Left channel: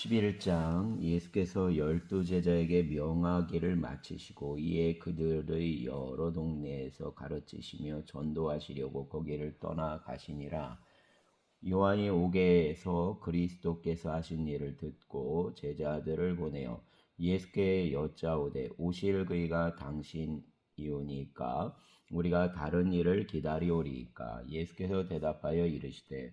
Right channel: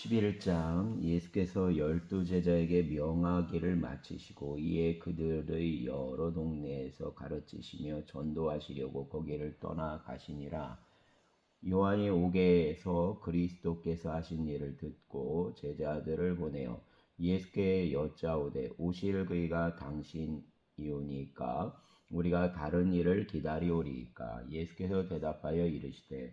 11장 예수께서 12제자에게 명하기를 마치시고 이에 그들의 여러 동네에서 가르치시며 전도하시려고 거기를 떠나 가시니라. 요한이 오게 해서 그리스도께서 하신 일을 듣고 제자들을 보내어 예수께 여짜오되 오실 그이가 당신이오니까 우리가 다른 일을 기다리오리이까. 예수께서 대답하여 이르시되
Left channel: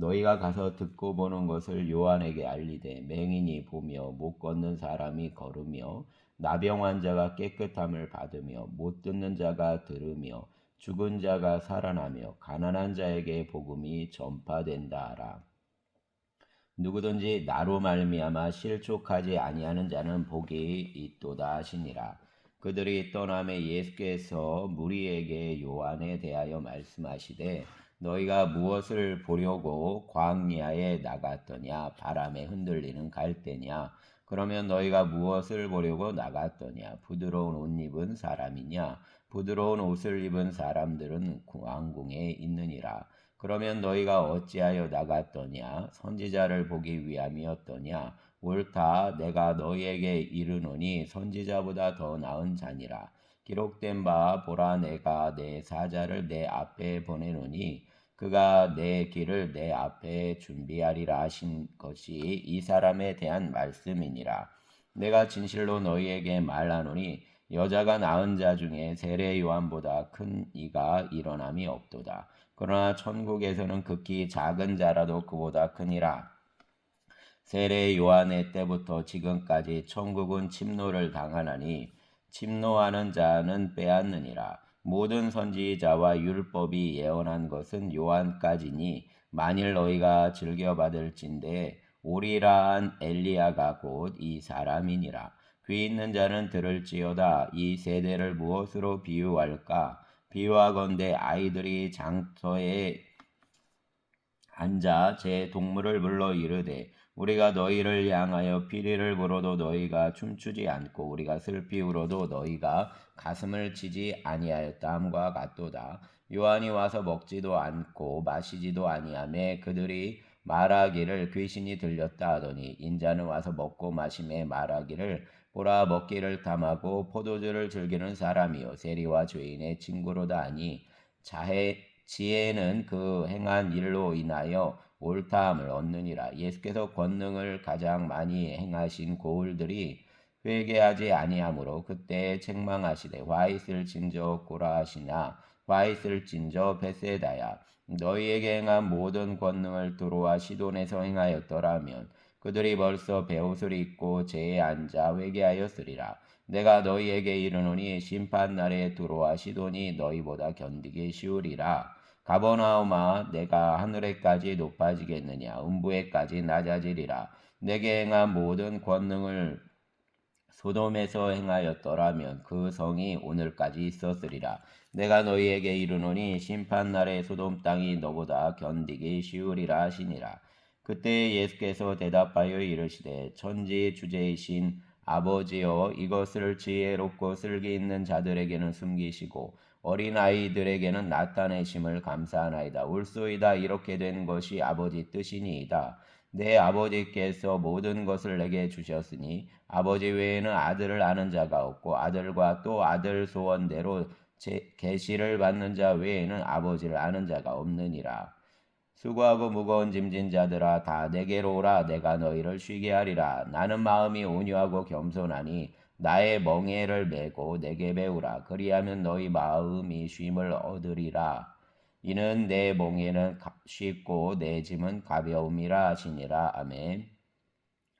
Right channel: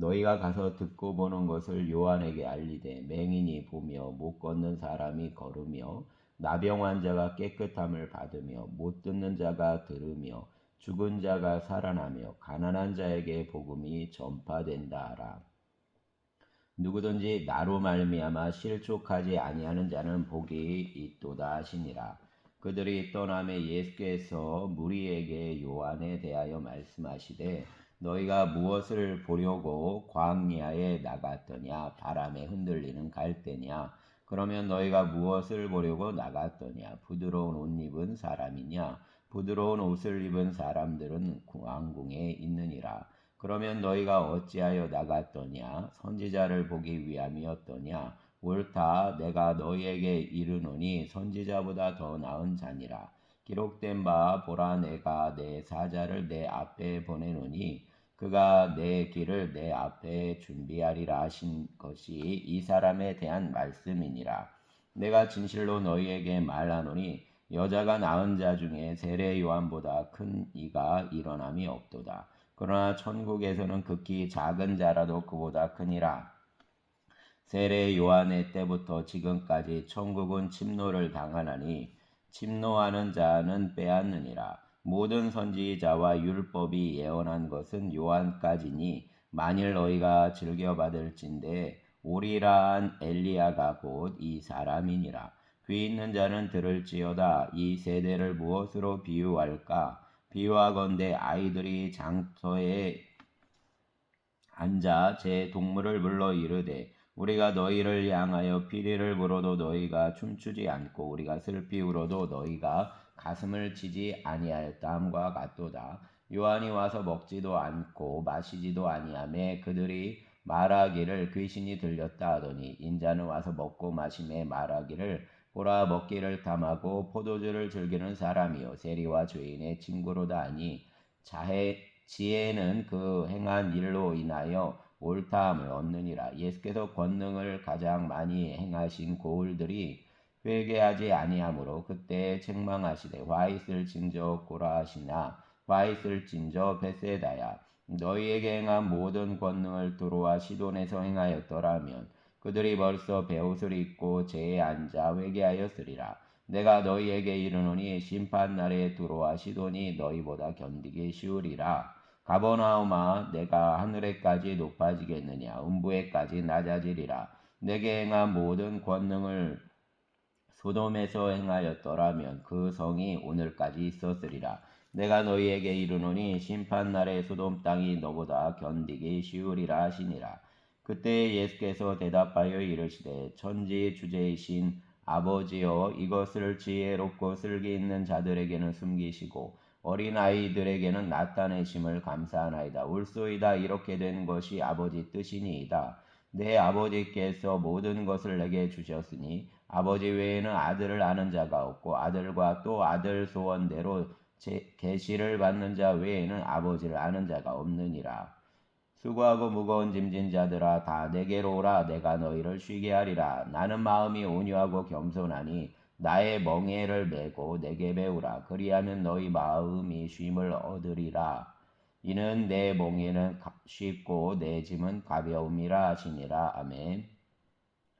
너희가 가서 듣고 보는 것을 요한에게 알리되 맹인이 보며 못 걷는 사람이 걸으며 나병 환자가 깨끗함을 받으며 못 듣는 자가 들으며 죽은 자가 살아나며 가난한 자에게 복음이 전파된다 하라. 누구든지 나로 말미암아 실족하지 아니하는 자는 복이 있도다 하시니라. 그들이 떠나매 예수께서 무리에게 요한에 대하여 말씀하시되 너희가 무엇을 보려고 광야에 나갔더냐? 바람에 흔들리는 갈대냐? 그러면 너희가 무엇을 보려고 나갔더냐? 부드러운 옷 입은 사람이냐? 부드러운 옷을 입은 사람들은 왕궁에 있느니라. 그러면 너희가 어찌하여 나갔더냐? 선지자를 보기 위함이었더냐? 옳다. 내가 너희에게 이르노니 선지자보다 더 나은 자니라. 기록된 바 보라 내가 내 사자를 내 앞에 보내노니 그가 내 길을 내 앞에 준비하리라 하신 것이 이 사람에 대한 말씀이니라. 내가 진실로 너희에게 말하노니 여자가 낳은 자 중에 세례 요한보다 큰 이가 일어남이 없도다. 그러나 천국에서는 극히 작은 자라도 그보다 크니라. 세례 요한의 때부터 지금까지 천국은 침노를 당하나니 침노하는 자는 빼앗느니라. 모든 선지자와 율법이 예언한 것은 요한까지니 만일 너희가 즐겨받을진대 오리라 한 엘리야가 곧 이 사람이니라. 귀 있는 자는 들을지어다. 이 세대를 무엇으로 비유할까? 비유하건대 아이들이 장터에 앉아 제 동물을 불러 이르되 우리가 너희를 향하여 피리를 불어도 너희가 춤추지 않고 우리가 슬피 울어도 너희가 가슴을 치지 아니하였다 함과 같도다. 요한이 와서 먹지도 않고 마시지도 아니하매 그들이 말하기를 귀신이 들렸다 하더니 인자는 와서 먹고 마심에 말하기를 보라 먹기를 탐하고 포도주를 즐기는 사람이요 세리와 죄인의 친구로다 하니 지혜는 그 행한 일로 인하여 옳다함을 얻느니라. 예수께서 권능을 가장 많이 행하신 고을들이 회개하지 아니하므로 그때 책망하시되 화 있을진저 고라하시나 화 있을진저 베세다야. 너희에게 행한 모든 권능을 두로와 시돈에서 행하였더라면 그들이 벌써 베옷을 입고 제에 앉아 회개하였으리라. 내가 너희에게 이르노니 심판날에 두로와 시돈이 너희보다 견디기 쉬우리라. 가버나움아 내가 하늘에까지 높아지겠느냐? 음부에까지 낮아지리라. 내게 행한 모든 권능을 소돔에서 행하였더라면 그 성이 오늘까지 있었으리라. 내가 너희에게 이르노니 심판날에 소돔 땅이 너보다 견디기 쉬우리라 하시니라. 그때 예수께서 대답하여 이르시되 천지 주제이신 아버지여 이것을 지혜롭고 슬기 있는 자들에게는 숨기시고 어린아이들에게는 나타내심을 감사하나이다. 옳소이다. 이렇게 된 것이 아버지 뜻이니이다. 내 아버지께서 모든 것을 내게 주셨으니 아버지 외에는 아들을 아는 자가 없고 아들과 또 아들 소원대로 계시를 받는 자 외에는 아버지를 아는 자가 없느니라. 수고하고 무거운 짐진 자들아 다 내게로 오라. 내가 너희를 쉬게 하리라. 나는 마음이 온유하고 겸손하니 나의 멍에를 메고 내게 배우라. 그리하면 너희 마음이 쉼을 얻으리라. 이는 내 멍에는 쉽고 내 짐은 가벼움이라 하시니라. 아멘.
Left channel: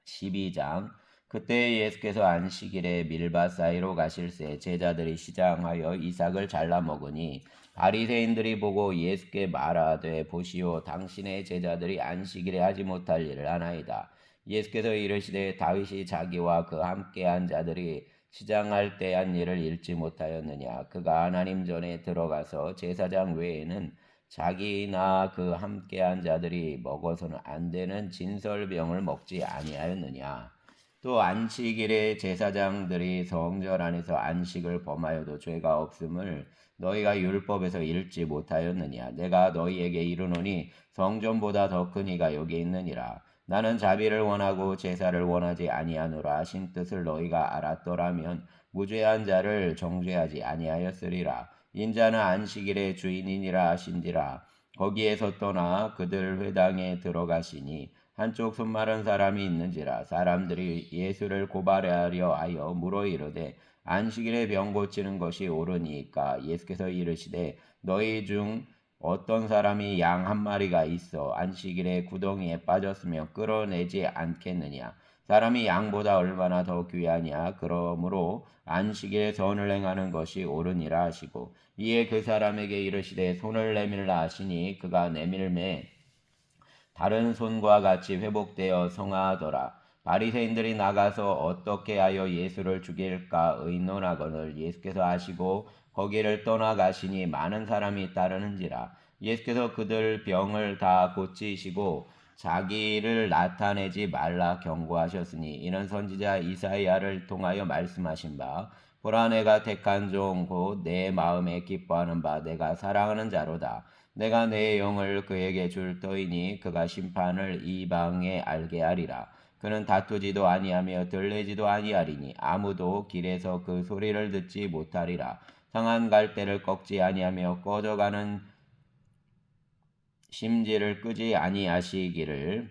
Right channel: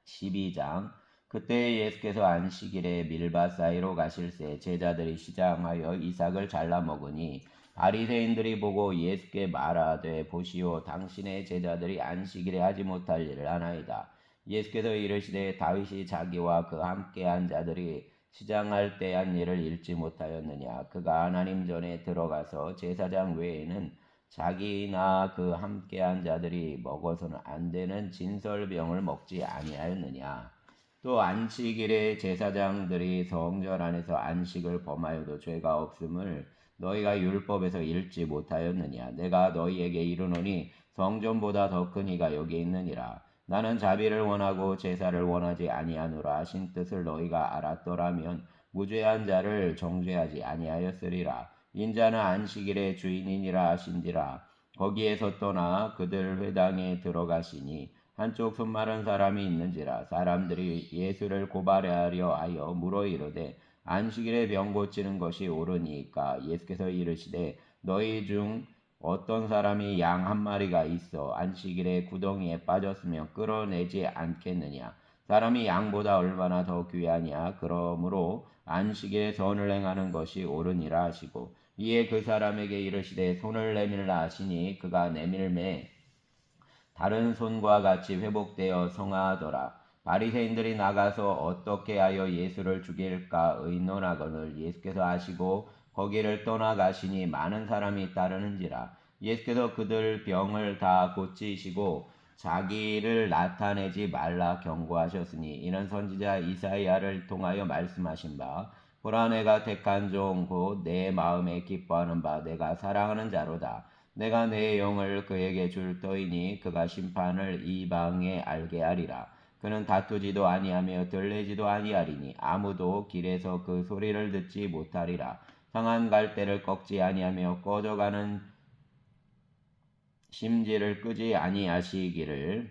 12장. 그때 예수께서 안식일에 밀밭 사이로 가실새 제자들이 시장하여 이삭을 잘라 먹으니 바리새인들이 보고 예수께 말하되 보시오 당신의 제자들이 안식일에 하지 못할 일을 하나이다. 예수께서 이르시되 다윗이 자기와 그 함께한 자들이 시장할 때 한 일을 잃지 못하였느냐? 그가 하나님 전에 들어가서 제사장 외에는 자기나 그 함께한 자들이 먹어서는 안 되는 진설병을 먹지 아니하였느냐? 또 안식일에 제사장들이 성전 안에서 안식을 범하여도 죄가 없음을 너희가 율법에서 읽지 못하였느냐? 내가 너희에게 이르노니 성전보다 더 큰 이가 여기 있느니라. 나는 자비를 원하고 제사를 원하지 아니하노라. 신 뜻을 너희가 알았더라면 무죄한 자를 정죄하지 아니하였으리라. 인자는 안식일의 주인이니라 하신지라. 거기에서 떠나 그들 회당에 들어가시니 한쪽 손 마른 사람이 있는지라. 사람들이 예수를 고발하려 하여 물어 이르되 안식일에 병 고치는 것이 옳으니까. 예수께서 이르시되 너희 중 어떤 사람이 양 한 마리가 있어 안식일에 구덩이에 빠졌으면 끌어내지 않겠느냐. 사람이 양보다 얼마나 더 귀하냐. 그러므로 안식일에 선을 행하는 것이 옳으니라 하시고 이에 그 사람에게 이르시되 손을 내밀라 하시니 그가 내밀매 다른 손과 같이 회복되어 성하더라. 바리새인들이 나가서 어떻게 하여 예수를 죽일까 의논하거늘 예수께서 아시고 거기를 떠나가시니 많은 사람이 따르는지라. 예수께서 그들 병을 다 고치시고 자기를 나타내지 말라 경고하셨으니 이는 선지자 이사야를 통하여 말씀하신 바 보라 내가 택한 종 곧 내 마음에 기뻐하는 바 내가 사랑하는 자로다. 내가 내 영을 그에게 줄 터이니 그가 심판을 이방에 알게 하리라. 그는 다투지도 아니하며 들리지도 아니하리니 아무도 길에서 그 소리를 듣지 못하리라. 상한 갈대를 꺾지 아니하며 꺼져가는 심지를 끄지 아니하시기를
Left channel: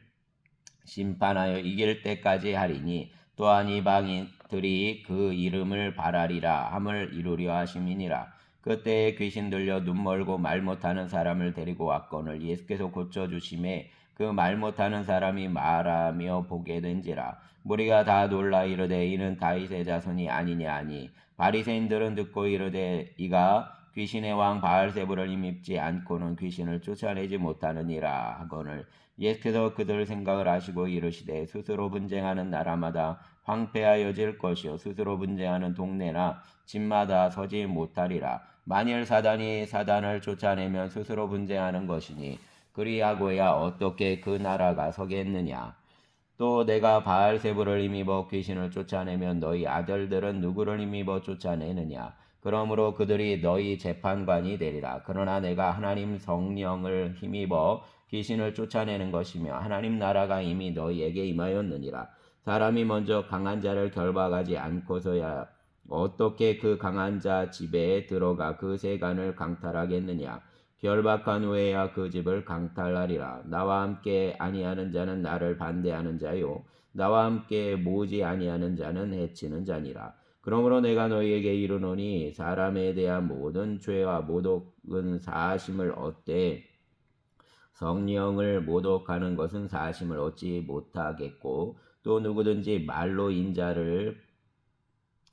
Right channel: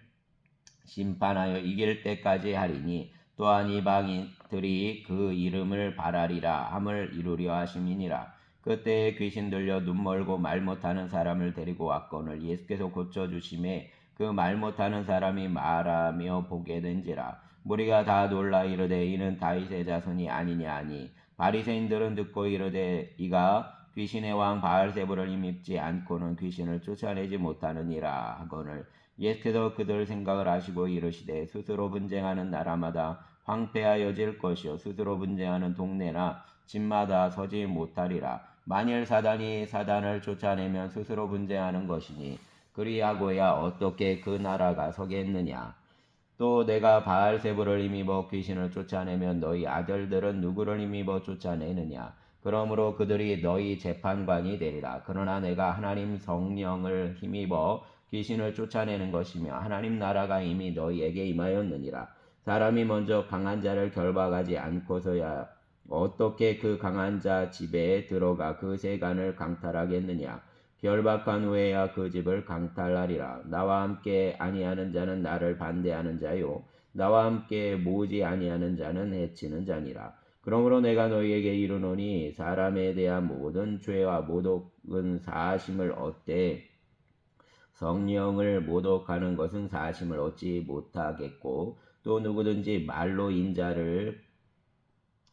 심판하여 이길 때까지 하리니 또한 이방인들이 그 이름을 바라리라 함을 이루려 하심이니라. 그때에 귀신 들려 눈 멀고 말 못하는 사람을 데리고 왔거늘 예수께서 고쳐주심에 그 말 못하는 사람이 말하며 보게 된지라. 무리가 다 놀라 이르되 이는 다윗의 자손이 아니냐 하니 바리새인들은 듣고 이르되 이가 귀신의 왕 바알세불을 힘입지 않고는 귀신을 쫓아내지 못하느니라 하거늘 예수께서 그들 생각을 아시고 이르시되 스스로 분쟁하는 나라마다 황폐하여질 것이요 스스로 분쟁하는 동네나 집마다 서지 못하리라. 만일 사단이 사단을 쫓아내면 스스로 분쟁하는 것이니 그리하고야 어떻게 그 나라가 서겠느냐. 또 내가 바알세불을 힘입어 귀신을 쫓아내면 너희 아들들은 누구를 힘입어 쫓아내느냐. 그러므로 그들이 너희 재판관이 되리라. 그러나 내가 하나님 성령을 힘입어 귀신을 쫓아내는 것이며 하나님 나라가 이미 너희에게 임하였느니라. 사람이 먼저 강한 자를 결박하지 않고서야 어떻게 그 강한 자 집에 들어가 그 세간을 강탈하겠느냐. 결박한 후에야 그 집을 강탈하리라. 나와 함께 아니하는 자는 나를 반대하는 자요 나와 함께 모으지 아니하는 자는 해치는 자니라. 그러므로 내가 너희에게 이르노니 사람에 대한 모든 죄와 모독은 사하심을 얻되 성령을 모독하는 것은 사하심을 얻지 못하겠고 또 누구든지 말로 인자를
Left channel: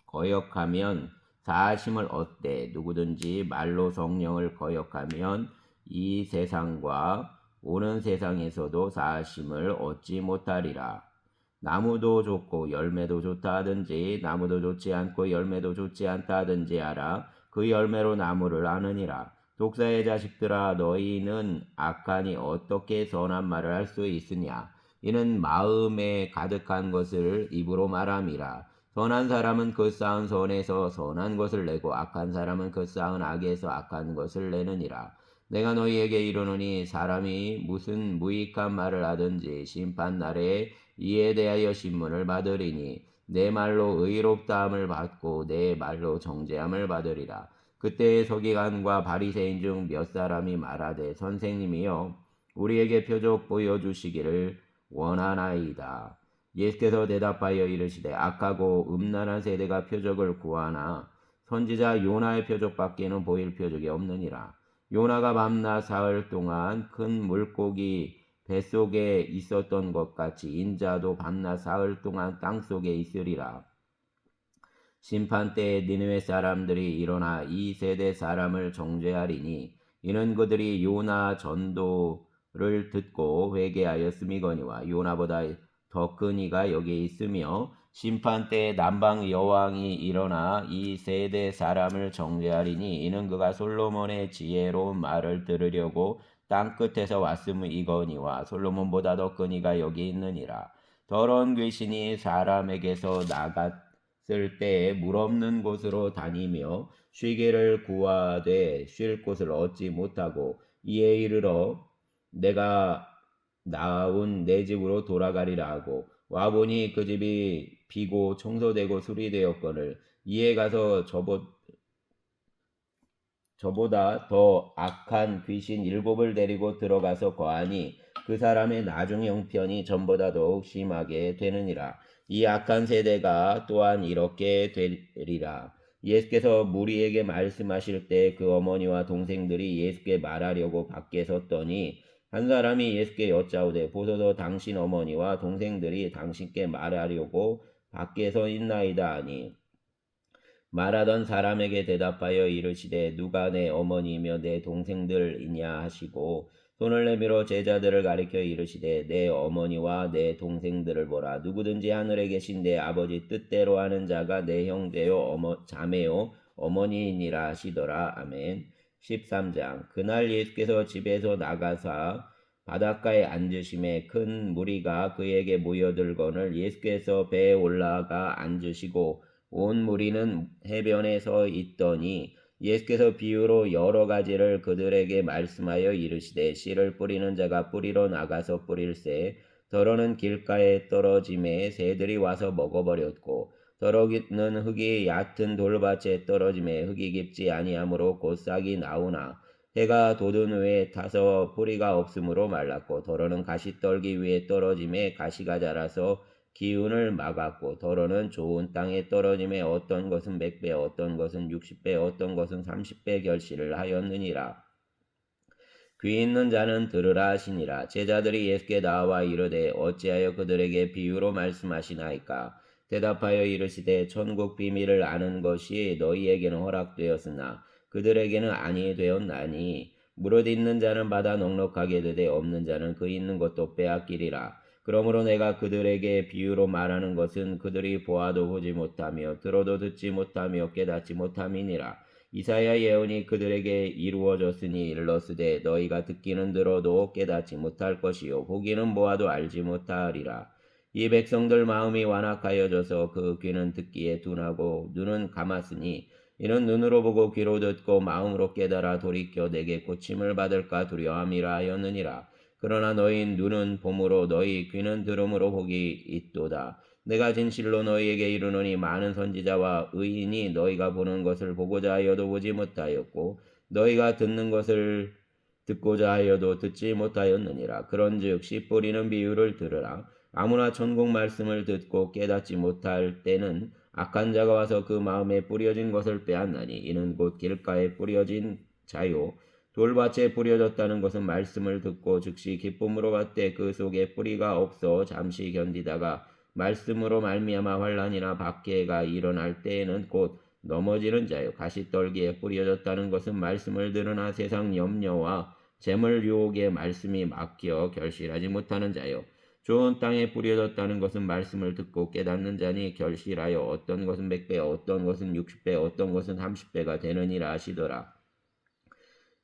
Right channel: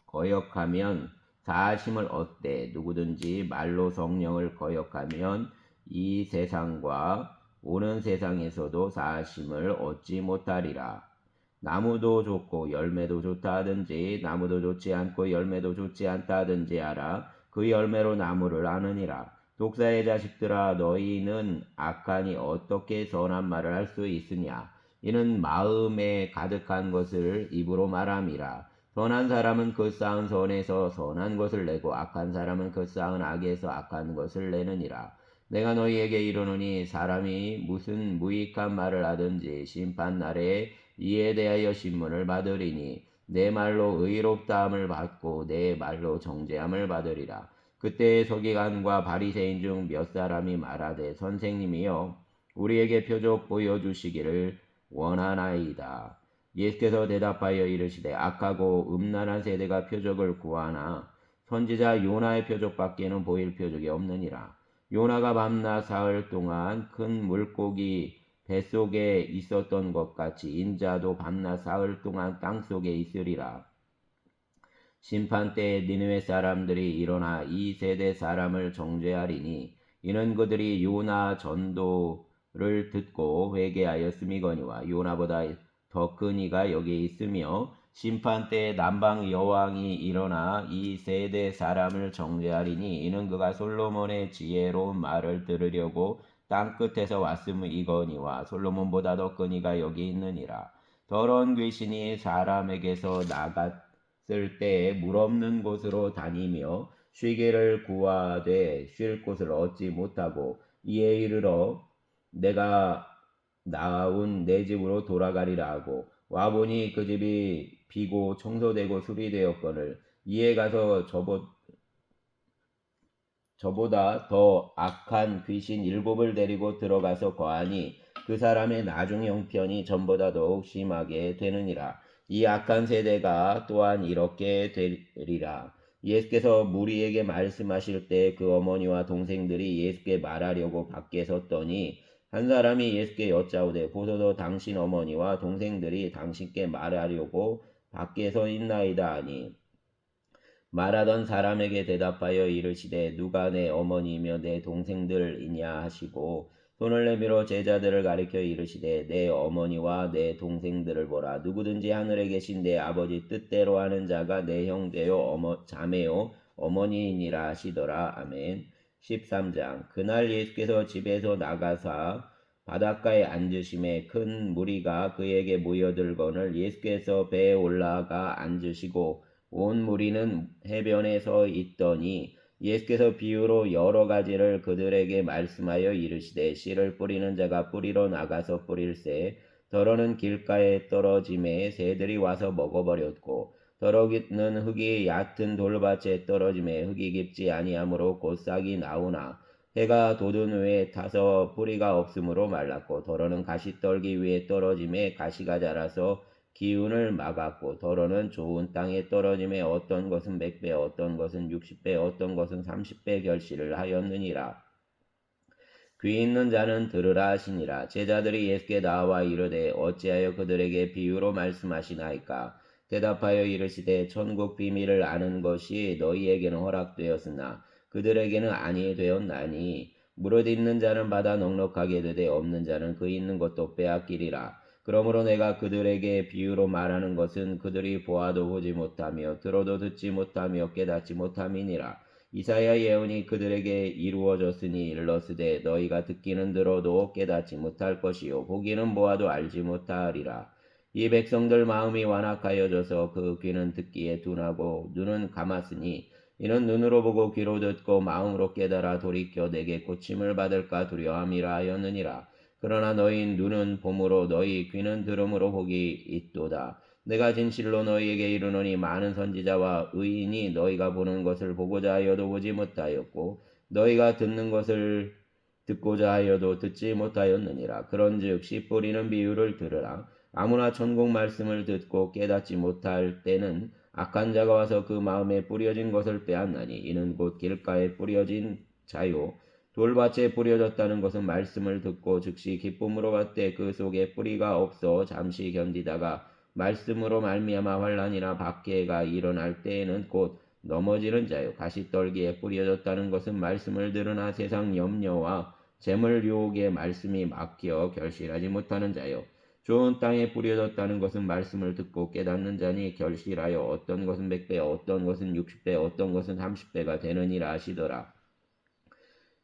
거역하면 사하심을 얻되 누구든지 말로 성령을 거역하면 이 세상과 오는 세상에서도 사하심을 얻지 못하리라. 나무도 좋고 열매도 좋다 하든지 나무도 좋지 않고 열매도 좋지 않다 하든지 알아. 그 열매로 나무를 아느니라. 독사의 자식들아 너희는 악하니 어떻게 선한 말을 할 수 있으냐. 이는 마음에 가득한 것을 입으로 말함이라. 선한 사람은 그 쌓은 선에서 선한 것을 내고 악한 사람은 그 쌓은 악에서 악한 것을 내느니라. 내가 너희에게 이르노니 사람이 무슨 무익한 말을 하든지 심판날에 이에 대하여 신문을 받으리니 내 말로 의롭다함을 받고 내 말로 정죄함을 받으리라. 그때의 서기관과 바리새인 중 몇 사람이 말하되 선생님이여 우리에게 표적 보여주시기를 원하나이다. 예수께서 대답하여 이르시되 악하고 음란한 세대가 표적을 구하나 선지자 요나의 표적밖에는 보일 표적이 없느니라. 요나가 밤낮 사흘 동안 큰 물고기 뱃속에 있었던 것 같이 인자도 밤낮 사흘 동안 땅속에 있으리라. 심판 때에 니느웨 사람들이 일어나 이 세대 사람을 정죄하리니 이는 그들이 요나 전도를 듣고 회개하였음이거니와 요나보다 더 큰 이가 여기 있으며 심판 때에 남방 여왕이 일어나 이 세대 사람을 정죄하리니 이는 그가 솔로몬의 지혜로운 말을 들으려고 땅끝에서 왔음이거니와 솔로몬보다 더 큰 이가 여기 있느니라. 더러운 귀신이 사람에게서 나갔을 때에 물 없는 곳으로 다니며 쉬기를 구하되 쉴 곳을 얻지 못하고 이에 이르러 내가 나온 내 집으로 돌아가리라 하고 와보니 그 집이 비고 청소되고 수리되었거늘 이에 가서 저보다 더 악한 귀신 7을 데리고 들어가서 거하니 그 사람의 나중 형편이 전보다 더욱 심하게 되느니라. 이 악한 세대가 또한 이렇게 되리라. 예수께서 무리에게 말씀하실 때 그 어머니와 동생들이 예수께 말하려고 밖에 섰더니 한 사람이 예수께 여짜오되 보소서 당신 어머니와 동생들이 당신께 말하려고 밖에 서 있나이다 하니 말하던 사람에게 대답하여 이르시되 누가 내 어머니며 내 동생들이냐 하시고 손을 내밀어 제자들을 가리켜 이르시되 내 어머니와 내 동생들을 보라. 누구든지 하늘에 계신 내 아버지 뜻대로 하는 자가 내 형제요 자매요 어머니이니라 하시더라. 아멘. 13장. 그날 예수께서 집에서 나가사 바닷가에 앉으심에 큰 무리가 그에게 모여들거늘 예수께서 배에 올라가 앉으시고 온 무리는 해변에 서 있더니 예수께서 비유로 여러 가지를 그들에게 말씀하여 이르시되 씨를 뿌리는 자가 뿌리러 나가서 뿌릴새 더러는 길가에 떨어짐에 새들이 와서 먹어버렸고 더러는 흙이 얕은 돌밭에 떨어짐에 흙이 깊지 아니하므로 곧 싹이 나오나 해가 돋은 후에 타서 뿌리가 없으므로 말랐고 더러는 가시떨기 위에 떨어짐에 가시가 자라서 기운을 막았고 더러는 좋은 땅에 떨어짐에 어떤 것은 100배 어떤 것은 60배 어떤 것은 30배 결실을 하였느니라. 귀 있는 자는 들으라 하시니라. 제자들이 예수께 나와 이르되 어찌하여 그들에게 비유로 말씀하시나이까. 대답하여 이르시되 천국 비밀을 아는 것이 너희에게는 허락되었으나 그들에게는 아니 되었나니 무릇 있는 자는 받아 넉넉하게 되되 없는 자는 그 있는 것도 빼앗기리라. 그러므로 내가 그들에게 비유로 말하는 것은 그들이 보아도 보지 못하며 들어도 듣지 못하며 깨닫지 못함이니라. 이사야 예언이 그들에게 이루어졌으니 일러스되 너희가 듣기는 들어도 깨닫지 못할 것이요 보기는 보아도 알지 못하리라. 이 백성들 마음이 완악하여져서 그 귀는 듣기에 둔하고 눈은 감았으니 이는 눈으로 보고 귀로 듣고 마음으로 깨달아 돌이켜 내게 고침을 받을까 두려움이라 하였느니라. 그러나 너희 눈은 봄으로 너희 귀는 들음으로 복이 있도다. 내가 진실로 너희에게 이르노니 많은 선지자와 의인이 너희가 보는 것을 보고자 하여도 보지 못하였고 너희가 듣는 것을 듣고자 하여도 듣지 못하였느니라. 그런즉 씨 뿌리는 비유를 들으라. 아무나 천국 말씀을 듣고 깨닫지 못할 때는 악한 자가 와서 그 마음에 뿌려진 것을 빼앗나니 이는 곧 길가에 뿌려진 자요 돌밭에 뿌려졌다는 것은 말씀을 듣고 즉시 기쁨으로 받되 그 속에 뿌리가 없어 잠시 견디다가 말씀으로 말미암아 환난이나 박해가 일어날 때에는 곧 넘어지는 자요 가시떨기에 뿌려졌다는 것은 말씀을 들으나 세상 염려와 재물 유혹에 말씀이 막혀 결실하지 못하는 자요 좋은 땅에 뿌려졌다는 것은 말씀을 듣고 깨닫는 자니 결실하여 어떤 것은 100배 어떤 것은 60배 어떤 것은 30배가 되느니라 하시더라.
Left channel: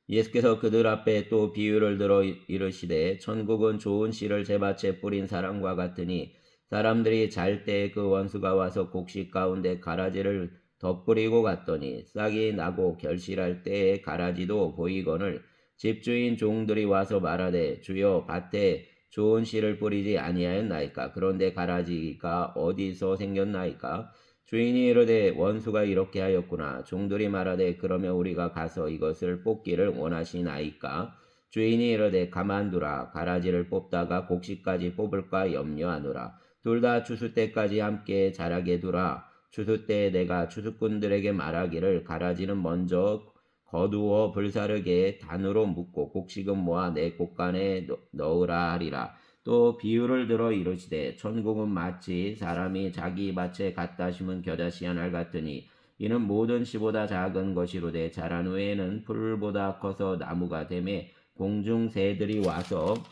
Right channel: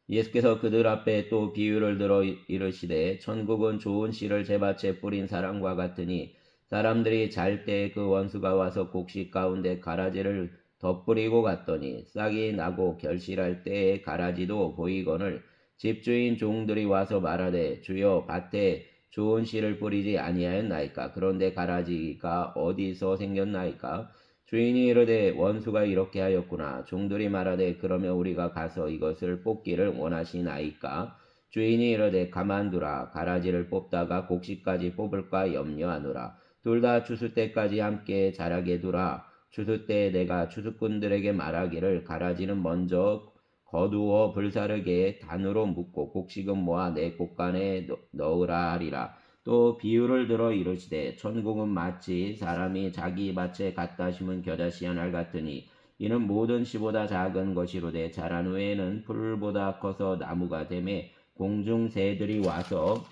예수께서 그들 앞에 또 비유를 들어 이르시되 천국은 좋은 씨를 제밭에 뿌린 사람과 같으니 사람들이 잘 때 그 원수가 와서 곡식 가운데 가라지를 덧뿌리고 갔더니 싹이 나고 결실할 때에 가라지도 보이거늘 집주인 종들이 와서 말하되 주여 밭에 좋은 씨를 뿌리지 아니하였나이까 그런데 가라지가 어디서 생겼나이까 주인이 이르되 원수가 이렇게 하였구나. 종들이 말하되 그러면 우리가 가서 이것을 뽑기를 원하시나이까? 주인이 이르되 가만두라. 가라지를 뽑다가 곡식까지 뽑을까 염려하노라. 둘 다 추수 때까지 함께 자라게 두라. 추수 때에 내가 추수꾼들에게 말하기를 가라지는 먼저 거두어 불사르게 단으로 묶고 곡식은 모아 내 곳간에 넣으라 하리라. 또 비유를 들어 이르시되 천국은 마치 사람이 자기 밭에 갖다 심은 겨자씨 한 알 같으니 이는 모든 씨보다 작은 것이로되 자란 후에는 풀보다 커서 나무가 되매 공중 새들이 와서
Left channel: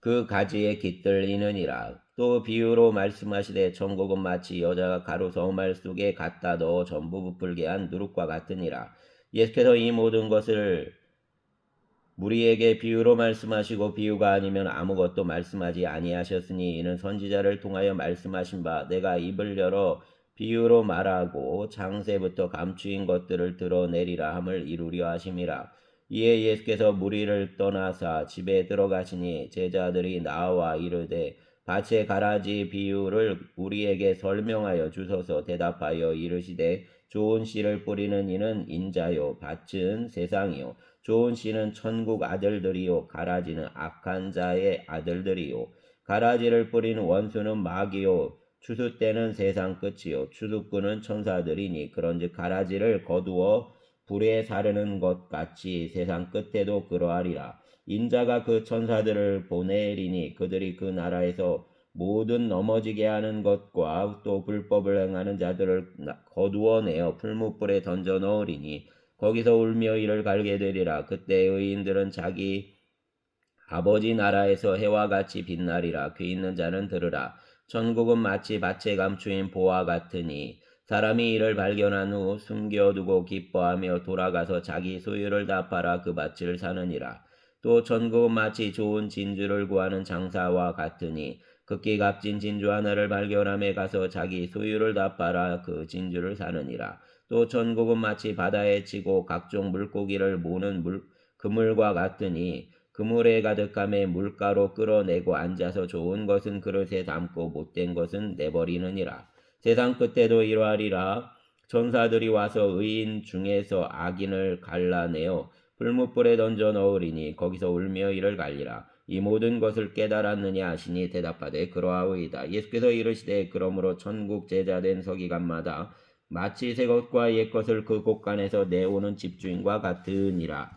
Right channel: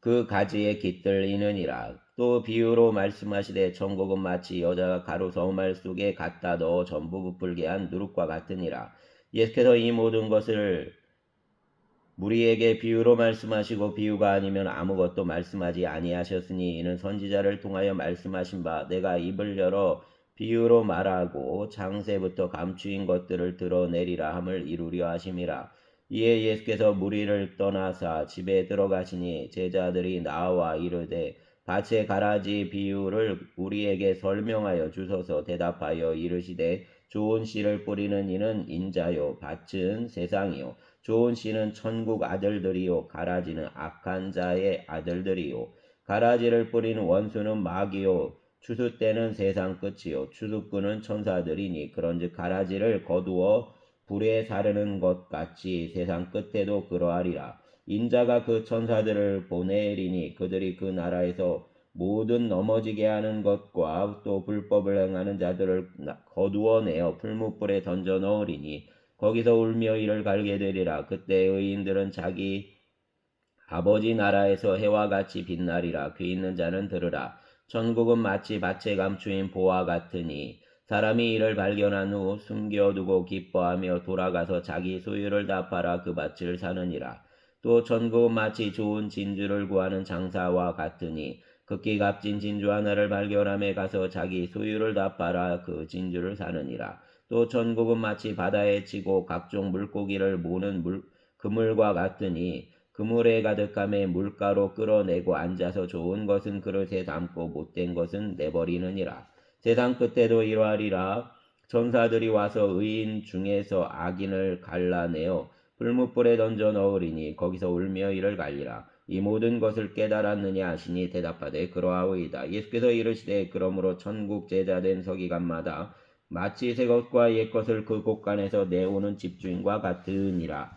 그 가지에 깃들이느니라. 또 비유로 말씀하시되 천국은 마치 여자가 가루 저말 속에 갖다 넣어 전부 부풀게 한 누룩과 같으니라. 예수께서 이 모든 것을 무리에게 비유로 말씀하시고 비유가 아니면 아무것도 말씀하지 아니하셨으니 이는 선지자를 통하여 말씀하신 바 내가 입을 열어 비유로 말하고 창세부터 감추인 것들을 드러내리라 함을 이루려 하심이라. 이에 예수께서 무리를 떠나사 집에 들어가시니 제자들이 나와 이르되 밭의 가라지 비유를 우리에게 설명하여 주소서. 대답하여 이르시되 좋은 씨를 뿌리는 이는 인자요 밭은 세상이요 좋은 씨는 천국 아들들이요 가라지는 악한 자의 아들들이요 가라지를 뿌리는 원수는 마귀요 추수 때는 세상 끝이요 추수꾼은 천사들이니 그런즉 가라지를 거두어 불에 사르는 것 같이 세상 끝에도 그러하리라. 인자가 그 천사들을 보내리니 그들이 그 나라에서 모든 넘어지게 하는 것과 또 불법을 행하는 자들을 거두어내어 풀무불에 던져 넣으리니 거기서 울며 이를 갈게 되리라. 그때 의인들은 자기 아버지 나라에서 해와 같이 빛나리라. 귀 있는 자는 들으라. 천국은 마치 밭에 감추인 보화 같으니 사람이 이를 발견한 후 숨겨두고 기뻐하며 돌아가서 자기 소유를 다 팔아 그 밭을 사느니라. 또 천국은 마치 좋은 진주를 구하는 장사와 같으니 극히 값진 진주 하나를 발견함에 가서 자기 소유를 다 팔아 그 진주를 사느니라. 또 천국은 마치 바다에 치고 각종 물고기를 모는 그물과 같으니 그물에 가득함에 물가로 끌어내고 앉아서 좋은 것은 그릇에 담고 못된 것은 내버리느니라. 세상 끝에도 이러하리라. 천사들이 와서 의인 중에서 악인을 갈라내어 풀무불에 던져 넣으리니 거기서 울며 이를 갈리라. 이 모든 것을 깨달았느냐 하시니 대답하되 그러하오이다. 예수께서 이르시되 그러므로 천국 제자된 서기관마다 마치 새 것과 옛 것을 그 곳간에서 내오는 집주인과 같으니라.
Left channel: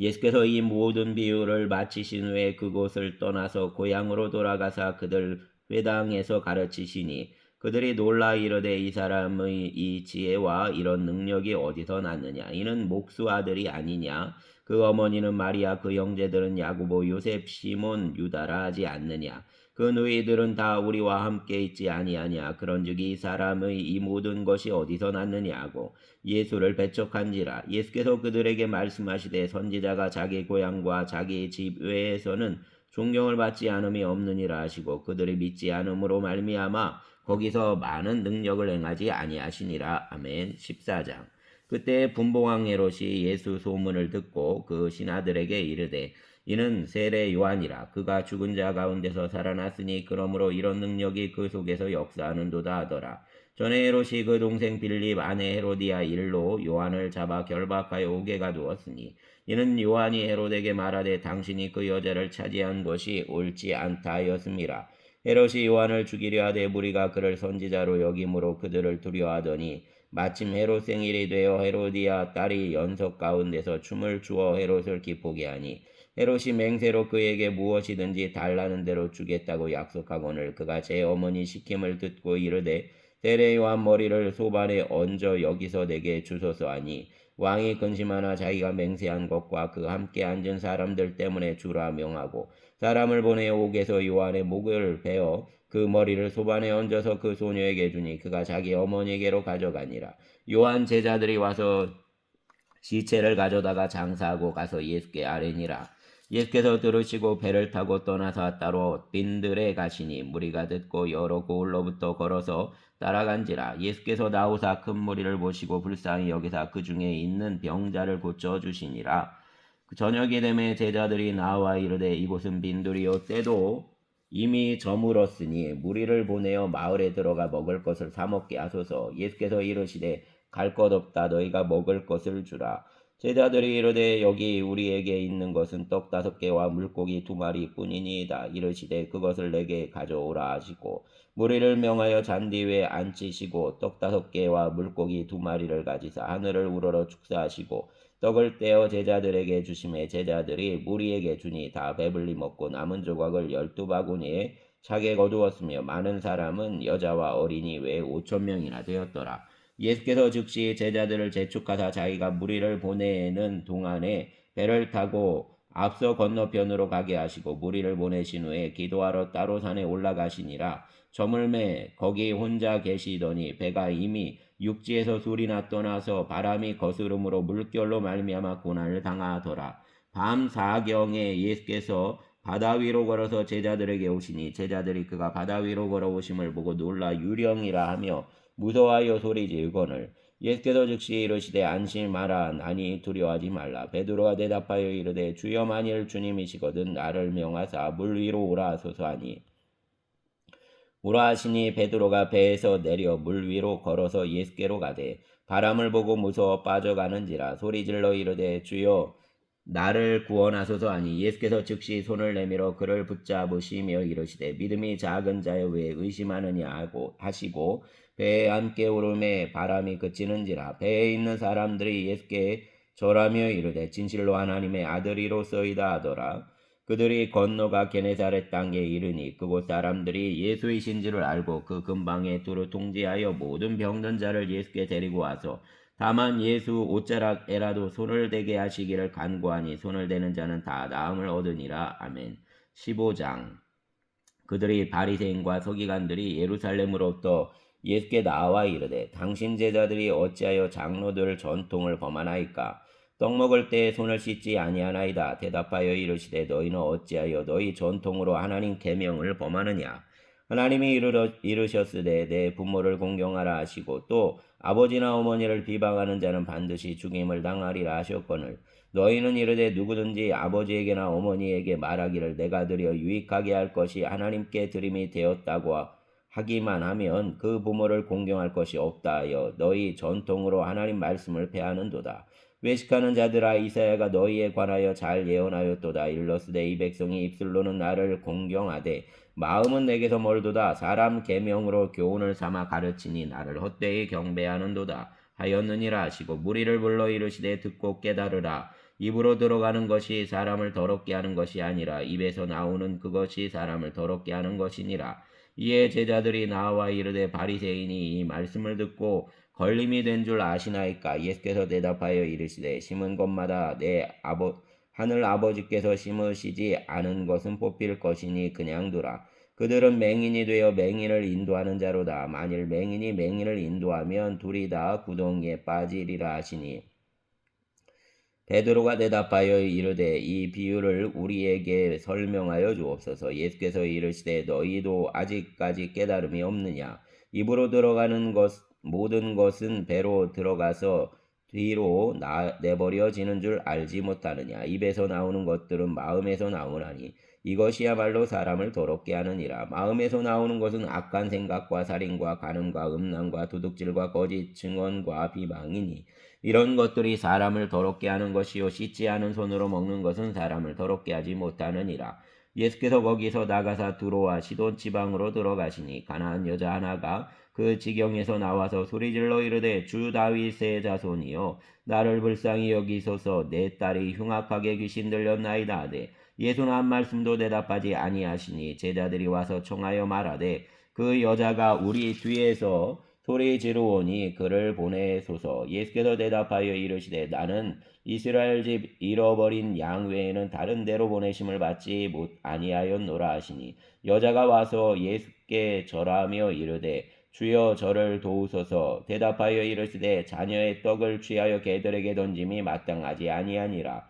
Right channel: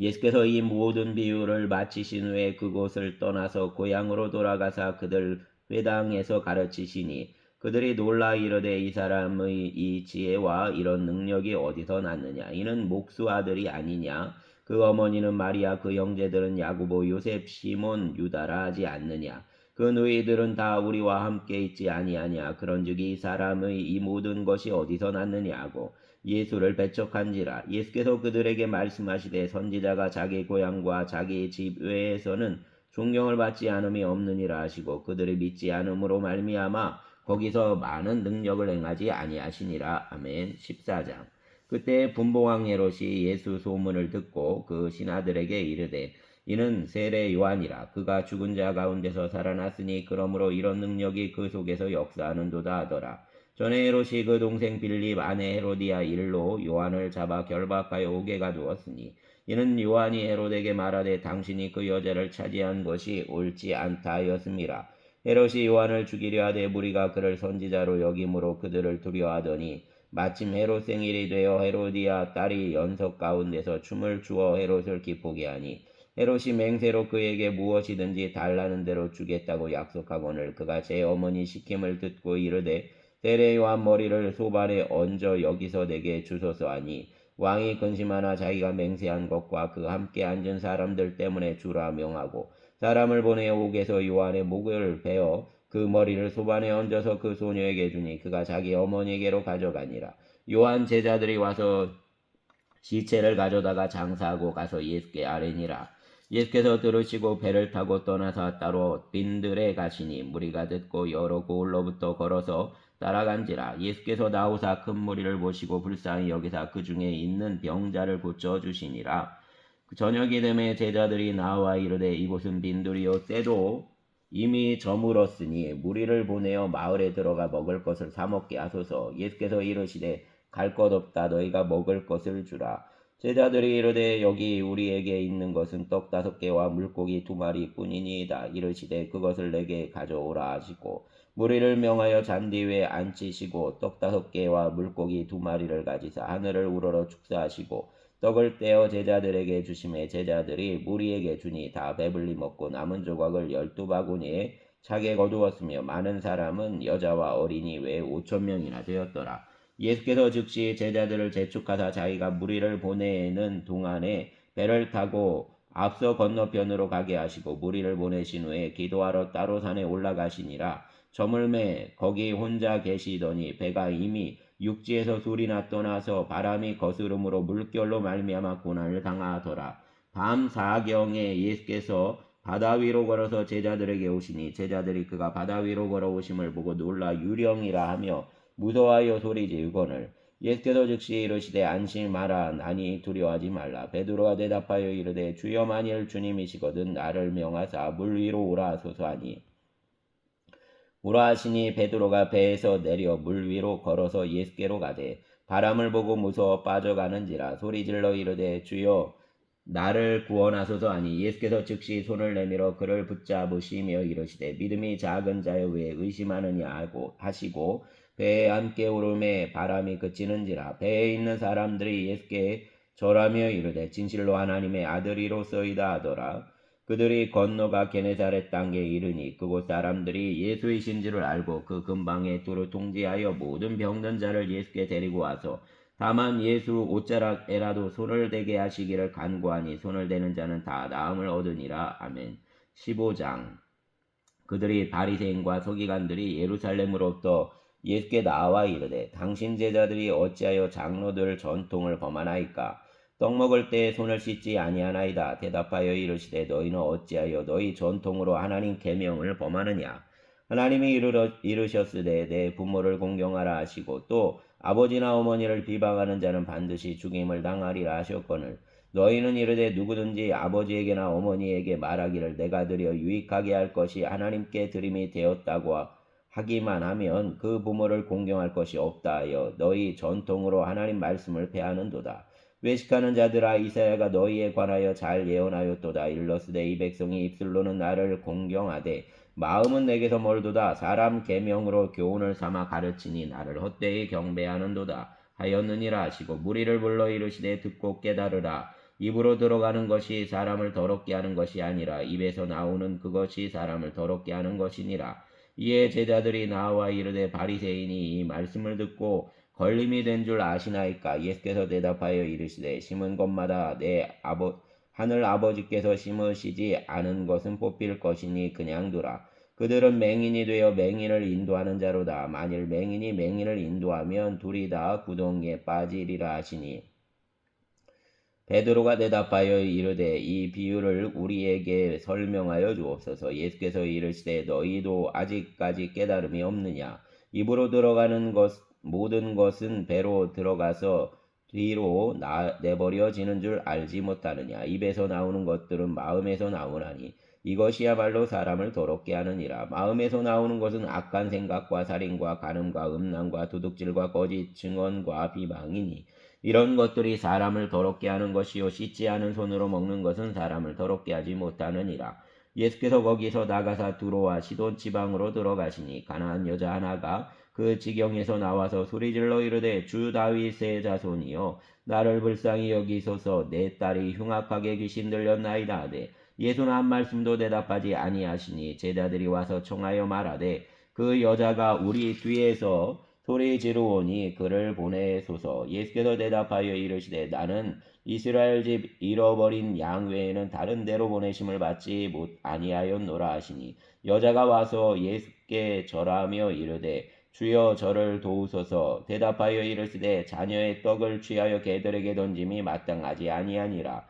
예수께서 이 모든 비유를 마치신 후에 그곳을 떠나서 고향으로 돌아가사 그들 회당에서 가르치시니 그들이 놀라 이르되 이 사람의 이 지혜와 이런 능력이 어디서 났느냐. 이는 목수 아들이 아니냐. 그 어머니는 마리아, 그 형제들은 야고보, 요셉, 시몬, 유다라 하지 않느냐. 그 누이들은 다 우리와 함께 있지 아니하냐. 그런즉 이 사람의 이 모든 것이 어디서 났느냐 하고 예수를 배척한지라. 예수께서 그들에게 말씀하시되 선지자가 자기 고향과 자기 집 외에서는 존경을 받지 않음이 없느니라 하시고 그들이 믿지 않음으로 말미암아 거기서 많은 능력을 행하지 아니하시니라. 아멘. 14장. 그때 분봉왕 헤롯이 예수 소문을 듣고 그 신하들에게 이르되 이는 세례 요한이라. 그가 죽은 자 가운데서 살아났으니 그러므로 이런 능력이 그 속에서 역사하는도다 하더라. 전에 헤롯이 그 동생 빌립 아내 헤로디아 일로 요한을 잡아 결박하여 옥에 가두었으니 이는 요한이 헤롯에게 말하되 당신이 그 여자를 차지한 것이 옳지 않다 하였음이라. 헤롯이 요한을 죽이려 하되 무리가 그를 선지자로 여김으로 그들을 두려워하더니 마침 헤롯 생일이 되어 헤로디아 딸이 연석 가운데서 춤을 추어 헤롯을 기쁘게 하니 헤롯이 맹세로 그에게 무엇이든지 달라는 대로 주겠다고 약속하거늘 그가 제 어머니 시킴을 듣고 이르되 세례 요한 머리를 소반에 얹어 여기서 내게 주소서 하니 왕이 근심하나 자기가 맹세한 것과 그 함께 앉은 사람들 때문에 주라 명하고 사람을 보내 옥에서 요한의 목을 베어 그 머리를 소반에 얹어서 그 소녀에게 주니 그가 자기 어머니에게로 가져가니라. 요한 제자들이 와서 시체를 가져다가 장사하고 가서 예수께 아뢰니라. 예수께서 들으시고 배를 타고 떠나사 따로 빈들에 가시니 무리가 듣고 여러 고을로부터 걸어서 따라간지라. 예수께서 나오사 큰 무리를 보시고 불쌍히 여기사 그 중에 있는 병자를 고쳐 주시니라. 저녁이 되매 제자들이 나와 이르되 이곳은 빈들이요 때도 이미 저물었으니 무리를 보내어 마을에 들어가 먹을 것을 사 먹게 하소서. 예수께서 이르시되 갈 것 없다. 너희가 먹을 것을 주라. 제자들이 이르되 여기 우리에게 있는 것은 떡 5개와 물고기 2마리 뿐이니이다. 이르시되 그것을 내게 가져오라 하시고 무리를 명하여 잔디 위에 앉히시고 떡 5개와 물고기 2마리를 가지사 하늘을 우러러 축사하시고 떡을 떼어 제자들에게 주심에 제자들이 무리에게 주니 다 배불리 먹고 남은 조각을 12바구니에 차게 거두었으며 많은 사람은 여자와 어린이 외에 5,000명이나 되었더라. 예수께서 즉시 제자들을 재촉하사 자기가 무리를 보내는 동안에 배를 타고 앞서 건너편으로 가게 하시고 무리를 보내신 후에 기도하러 따로 산에 올라가시니라. 저물매 거기 혼자 계시더니 배가 이미 육지에서 술이나 떠나서 바람이 거스름으로 물결로 말미암아 고난을 당하더라. 밤 4경에 예수께서 바다 위로 걸어서 제자들에게 오시니 제자들이 그가 바다 위로 걸어오심을 보고 놀라 유령이라 하며 무서워하여 소리 지르거늘 예수께서 즉시 이르시되 안심하라 나니 두려워하지 말라. 베드로가 대답하여 이르되 주여 만일 주님이시거든 나를 명하사 물 위로 오라 하소서 하니 오라 하시니 베드로가 배에서 내려 물 위로 걸어서 예수께로 가되 바람을 보고 무서워 빠져가는지라 소리질러 이르되 주여 나를 구원하소서 하니 예수께서 즉시 손을 내밀어 그를 붙잡으시며 이르시되 믿음이 작은 자여 왜 의심하느냐 하고 하시고 배에 함께 오름에 바람이 그치는지라. 배에 있는 사람들이 예수께 절하며 이르되 진실로 하나님의 아들이로소이다 하더라. 그들이 건너가 게네사렛 땅에 이르니 그곳 사람들이 예수이신 줄을 알고 그 근방에 두루 통지하여 모든 병든 자를 예수께 데리고 와서 다만 예수 옷자락에라도 손을 대게 하시기를 간구하니 손을 대는 자는 다 나음을 얻으니라. 아멘. 15장. 그들이 바리새인과 서기관들이 예루살렘으로부터 예수께 나와 이르되 당신 제자들이 어찌하여 장로들 전통을 범하나이까? 떡 먹을 때에 손을 씻지 아니하나이다. 대답하여 이르시되 너희는 어찌하여 너희 전통으로 하나님 계명을 범하느냐? 하나님이 이르셨으되 내 부모를 공경하라 하시고 또 아버지나 어머니를 비방하는 자는 반드시 죽임을 당하리라 하셨거늘 너희는 이르되 누구든지 아버지에게나 어머니에게 말하기를 내가 드려 유익하게 할 것이 하나님께 드림이 되었다고 하기만 하면 그 부모를 공경할 것이 없다 하여 너희 전통으로 하나님 말씀을 폐하는도다. 외식하는 자들아 이사야가 너희에 관하여 잘 예언하였도다. 일러스되 이 백성이 입술로는 나를 공경하되 마음은 내게서 멀도다. 사람 계명으로 교훈을 삼아 가르치니 나를 헛되이 경배하는도다 하였느니라 하시고 무리를 불러 이르시되 듣고 깨달으라. 입으로 들어가는 것이 사람을 더럽게 하는 것이 아니라 입에서 나오는 그것이 사람을 더럽게 하는 것이니라. 이에 제자들이 나와 이르되 바리새인이 이 말씀을 듣고 걸림이 된 줄 아시나이까? 예수께서 대답하여 이르시되 심은 것마다 하늘 아버지께서 심으시지 않은 것은 뽑힐 것이니 그냥 두라. 그들은 맹인이 되어 맹인을 인도하는 자로다. 만일 맹인이 맹인을 인도하면 둘이 다 구덩이에 빠지리라 하시니 베드로가 대답하여 이르되 이 비유를 우리에게 설명하여 주옵소서. 예수께서 이르시되 너희도 아직까지 깨달음이 없느냐? 입으로 들어가는 모든 것은 배로 들어가서 뒤로 내버려지는 줄 알지 못하느냐? 입에서 나오는 것들은 마음에서 나오나니 이것이야말로 사람을 더럽게 하느니라. 마음에서 나오는 것은 악한 생각과 살인과 간음과 음란과 도둑질과 거짓 증언과 비방이니 이런 것들이 사람을 더럽게 하는 것이요 씻지 않은 손으로 먹는 것은 사람을 더럽게 하지 못하느니라. 예수께서 거기서 나가사 두로와 시돈 지방으로 들어가시니 가나안 여자 하나가 그 지경에서 나와서 소리질러 이르되 주 다윗의 자손이여 나를 불쌍히 여기소서 내 딸이 흉악하게 귀신 들렸나이다 하되 예수는 한 말씀도 대답하지 아니하시니 제자들이 와서 청하여 말하되 그 여자가 우리 뒤에서 소리 지르오니 그를 보내소서. 예수께서 대답하여 이르시되 나는 이스라엘 집 잃어버린 양 외에는 다른 데로 보내심을 받지 아니하였노라 하시니 여자가 와서 예수께 절하며 이르되 주여 저를 도우소서. 대답하여 이르시되 자녀의 떡을 취하여 개들에게 던짐이 마땅하지 아니하니라.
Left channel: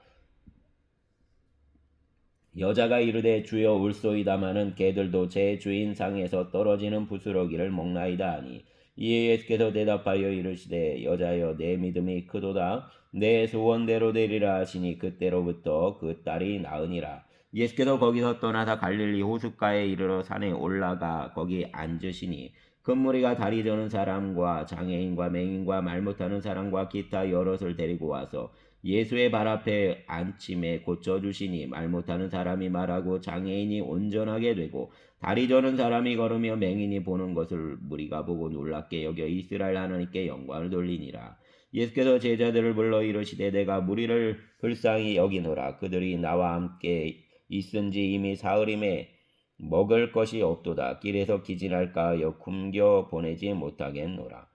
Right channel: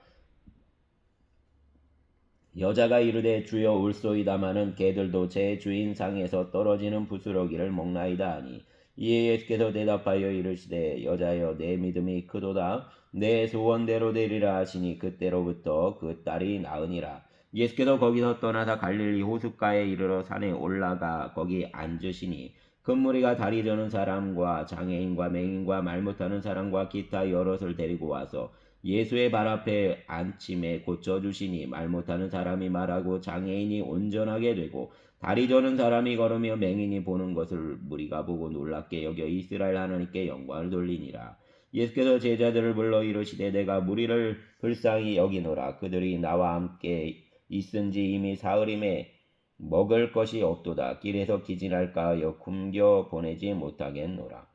여자가 이르되 주여 울소이다마는 개들도 제 주인 상에서 떨어지는 부스러기를 먹나이다 하니 이에 예수께서 대답하여 이르시되 여자여 내 믿음이 크도다 내 소원대로 되리라 하시니 그때로부터 그 딸이 나으니라. 예수께서 거기서 떠나사 갈릴리 호숫가에 이르러 산에 올라가 거기 앉으시니 큰 무리가 다리 저는 사람과 장애인과 맹인과 말 못하는 사람과 기타 여럿을 데리고 와서 예수의 발 앞에 앉힘에 고쳐주시니 말 못하는 사람이 말하고 장애인이 온전하게 되고 다리 저는 사람이 걸으며 맹인이 보는 것을 무리가 보고 놀랍게 여겨 이스라엘 하나님께 영광을 돌리니라. 예수께서 제자들을 불러 이르시되 내가 무리를 불쌍히 여기노라. 그들이 나와 함께 있은지 이미 사흘임에 먹을 것이 없도다. 길에서 기진할까 하여 굶겨 보내지 못하겠노라.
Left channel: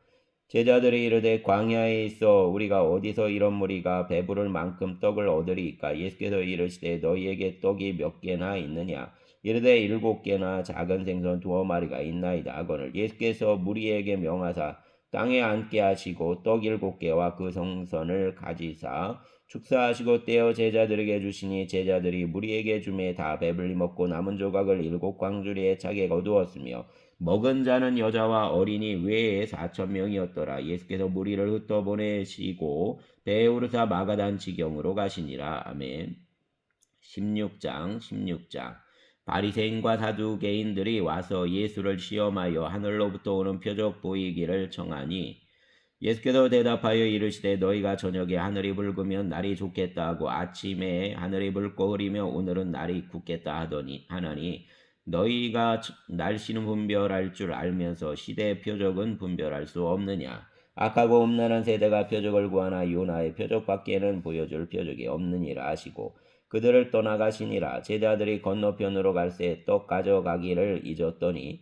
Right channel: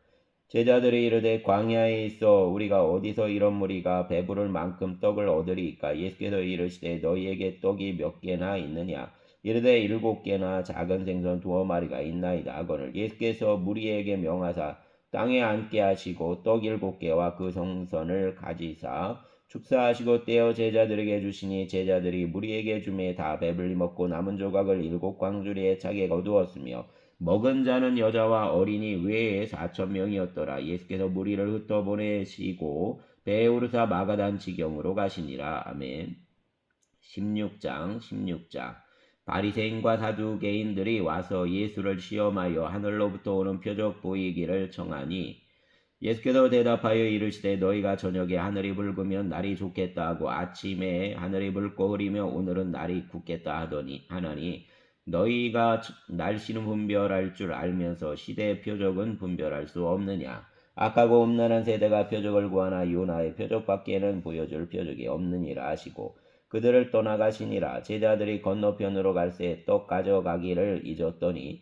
제자들이 이르되 광야에 있어 우리가 어디서 이런 무리가 배부를 만큼 떡을 얻으리이까? 예수께서 이르시되 너희에게 떡이 몇 개나 있느냐? 이르되 7개나 작은 생선 2마리가 있나이다 하거늘 예수께서 무리에게 명하사 땅에 앉게 하시고 떡 7개와 그 생선을 가지사 축사하시고 떼어 제자들에게 주시니 제자들이 무리에게 주매 다 배불리 먹고 남은 조각을 7광주리에 차게 거두었으며 먹은 자는 여자와 어린이 외에 4,000명이었더라. 예수께서 무리를 흩어보내시고 배에 오르사 마가단 지경으로 가시니라. 아멘. 16장 바리새인과 사두개인들이 와서 예수를 시험하여 하늘로부터 오는 표적 보이기를 청하니 예수께서 대답하여 이르시되 너희가 저녁에 하늘이 붉으면 날이 좋겠다 하고 아침에 하늘이 붉고 흐리며 오늘은 날이 굳겠다 하나니 너희가 날씨는 분별할 줄 알면서 시대의 표적은 분별할 수 없느냐. 악하고 음란한 세대가 표적을 구하나 요나의 표적밖에는 보여줄 표적이 없느니라 하시고 그들을 떠나가시니라. 제자들이 건너편으로 갈새 떡 가져가기를 잊었더니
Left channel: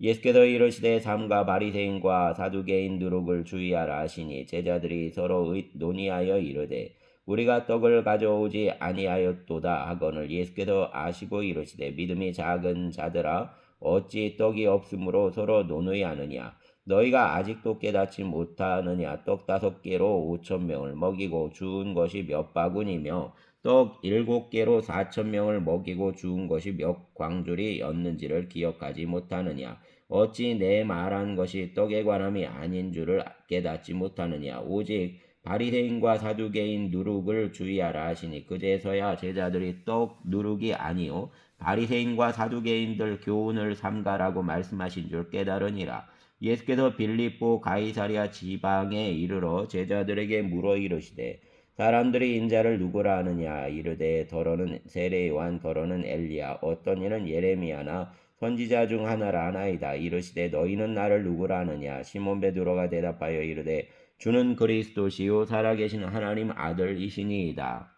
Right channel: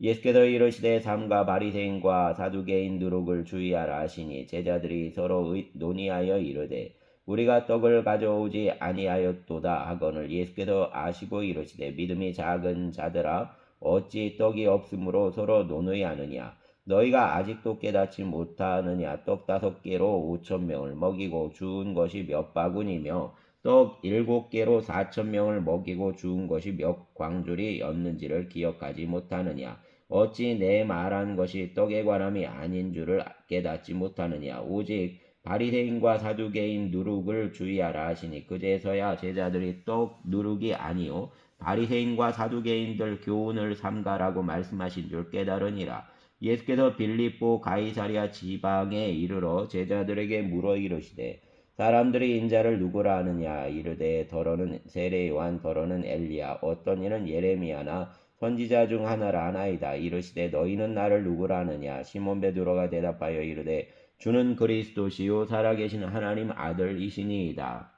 예수께서 이르시되 삼가 바리새인과 사두개인 누룩을 주의하라 하시니 제자들이 서로 논의하여 이르되 우리가 떡을 가져오지 아니하였도다 하거늘 예수께서 아시고 이르시되 믿음이 작은 자들아 어찌 떡이 없으므로 서로 논의하느냐. 너희가 아직도 깨닫지 못하느냐. 떡 5개로 5,000명을 먹이고 주운 것이 몇 바구니며 떡 7개로 4,000명을 먹이고 주운 것이 몇 광줄이었는지를 기억하지 못하느냐. 어찌 내 말한 것이 떡에 관함이 아닌 줄을 깨닫지 못하느냐. 오직 바리새인과 사두개인 누룩을 주의하라 하시니 그제서야 제자들이 떡 누룩이 아니요 바리새인과 사두개인들 교훈을 삼가라고 말씀하신 줄 깨달으니라. 예수께서 빌립보 가이사랴 지방에 이르러 제자들에게 물어 이르시되 사람들이 인자를 누구라 하느냐. 이르되 더러는 세례 요한 더러는 엘리야 어떤 이는 예레미야나 선지자 중 하나라 하나이다. 이르시되 너희는 나를 누구라 하느냐. 시몬 베드로가 대답하여 이르되 주는 그리스도시요 살아계신 하나님 아들이시니이다.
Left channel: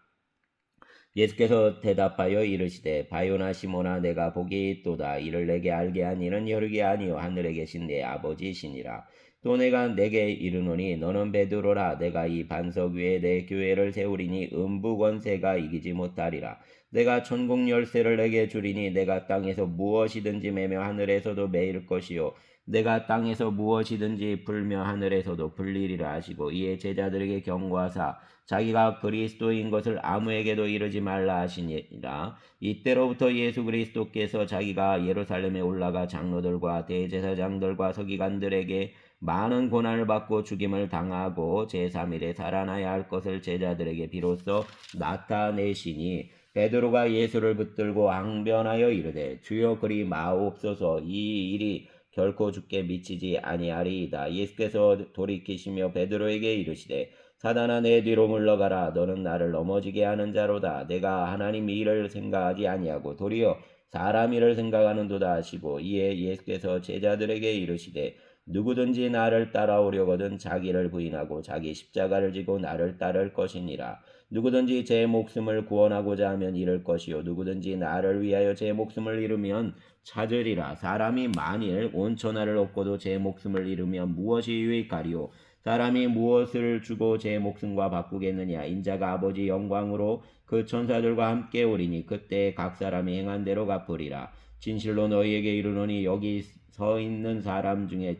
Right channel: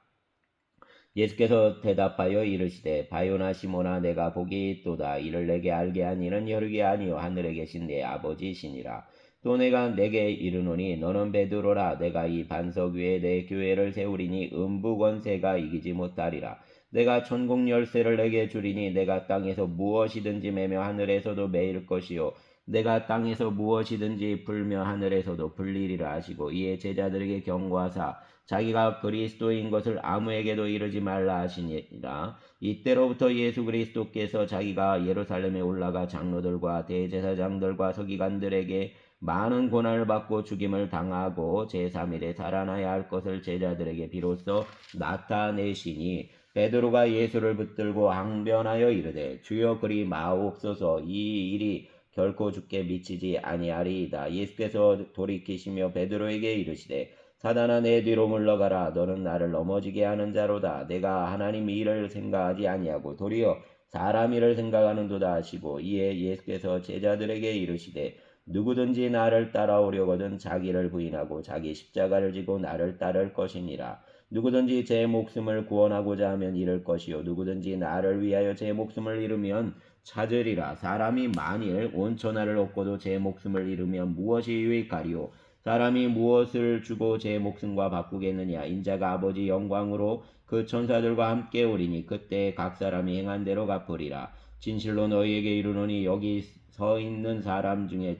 예수께서 대답하여 이르시되 바요나 시몬아 내가 복이 있도다. 이를 내게 알게 한 이는 혈육이 아니요 하늘에 계신 내 아버지시니라. 또 내가 내게 이르노니 너는 베드로라. 내가 이 반석 위에 내 교회를 세우리니 음부 권세가 이기지 못하리라. 내가 천국 열쇠를 내게 주리니 내가 땅에서 무엇이든지 매며 하늘에서도 매일 것이요 내가 땅에서 무엇이든지 풀며 하늘에서도 풀리리라 하시고 이에 제자들에게 경고하사 자기가 그리스도인 것을 아무에게도 이르지 말라 하시니라. 이때로부터 예수 그리스도께서 자기가 예루살렘에 올라가 장로들과 대제사장들과 서기관들에게 많은 고난을 받고 죽임을 당하고 제3일에 살아나야 할 것을 제자들에게 비로소 나타내시니 베드로가 예수를 붙들고 항변하여 이르되 주여 그리 마옵소서. 이 일이 결코 죽게 미치지 아니하리이다. 예수께서 돌이키시며 베드로에게 이르시되 사단아 내 뒤로 물러가라. 너는 나를 넘어지게 하는 자로다. 내가 하나님 일을 생각하지 아니하고 도리어 사람 일을 생각하는도다 하시고 이에 예수께서 제자들에게 이르시되 누구든지 나를 따라오려거든 자기를 부인하고 자기 십자가를 지고 나를 따를 것이니라. 누구든지 제 목숨을 구원하고자 하면 잃을 것이요 누구든지 나를 위하여 제 목숨을 잃으면 찾으리라. 사람이 만일 온 천하를 얻고도 제 목숨을 잃으면 무엇이 유익하리요. 사람이 무엇을 주고 제 목숨과 바꾸겠느냐. 인자가 아버지 영광으로 그 천사들과 함께 오리니 그때 각 사람이 행한 대로 갚으리라. 진실로 너희에게 이르노니 여기 서 있는 사람 중에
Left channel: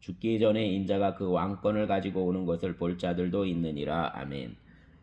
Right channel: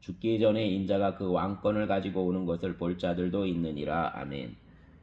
죽기 전에 인자가 그 왕권을 가지고 오는 것을 볼 자들도 있느니라. 아멘.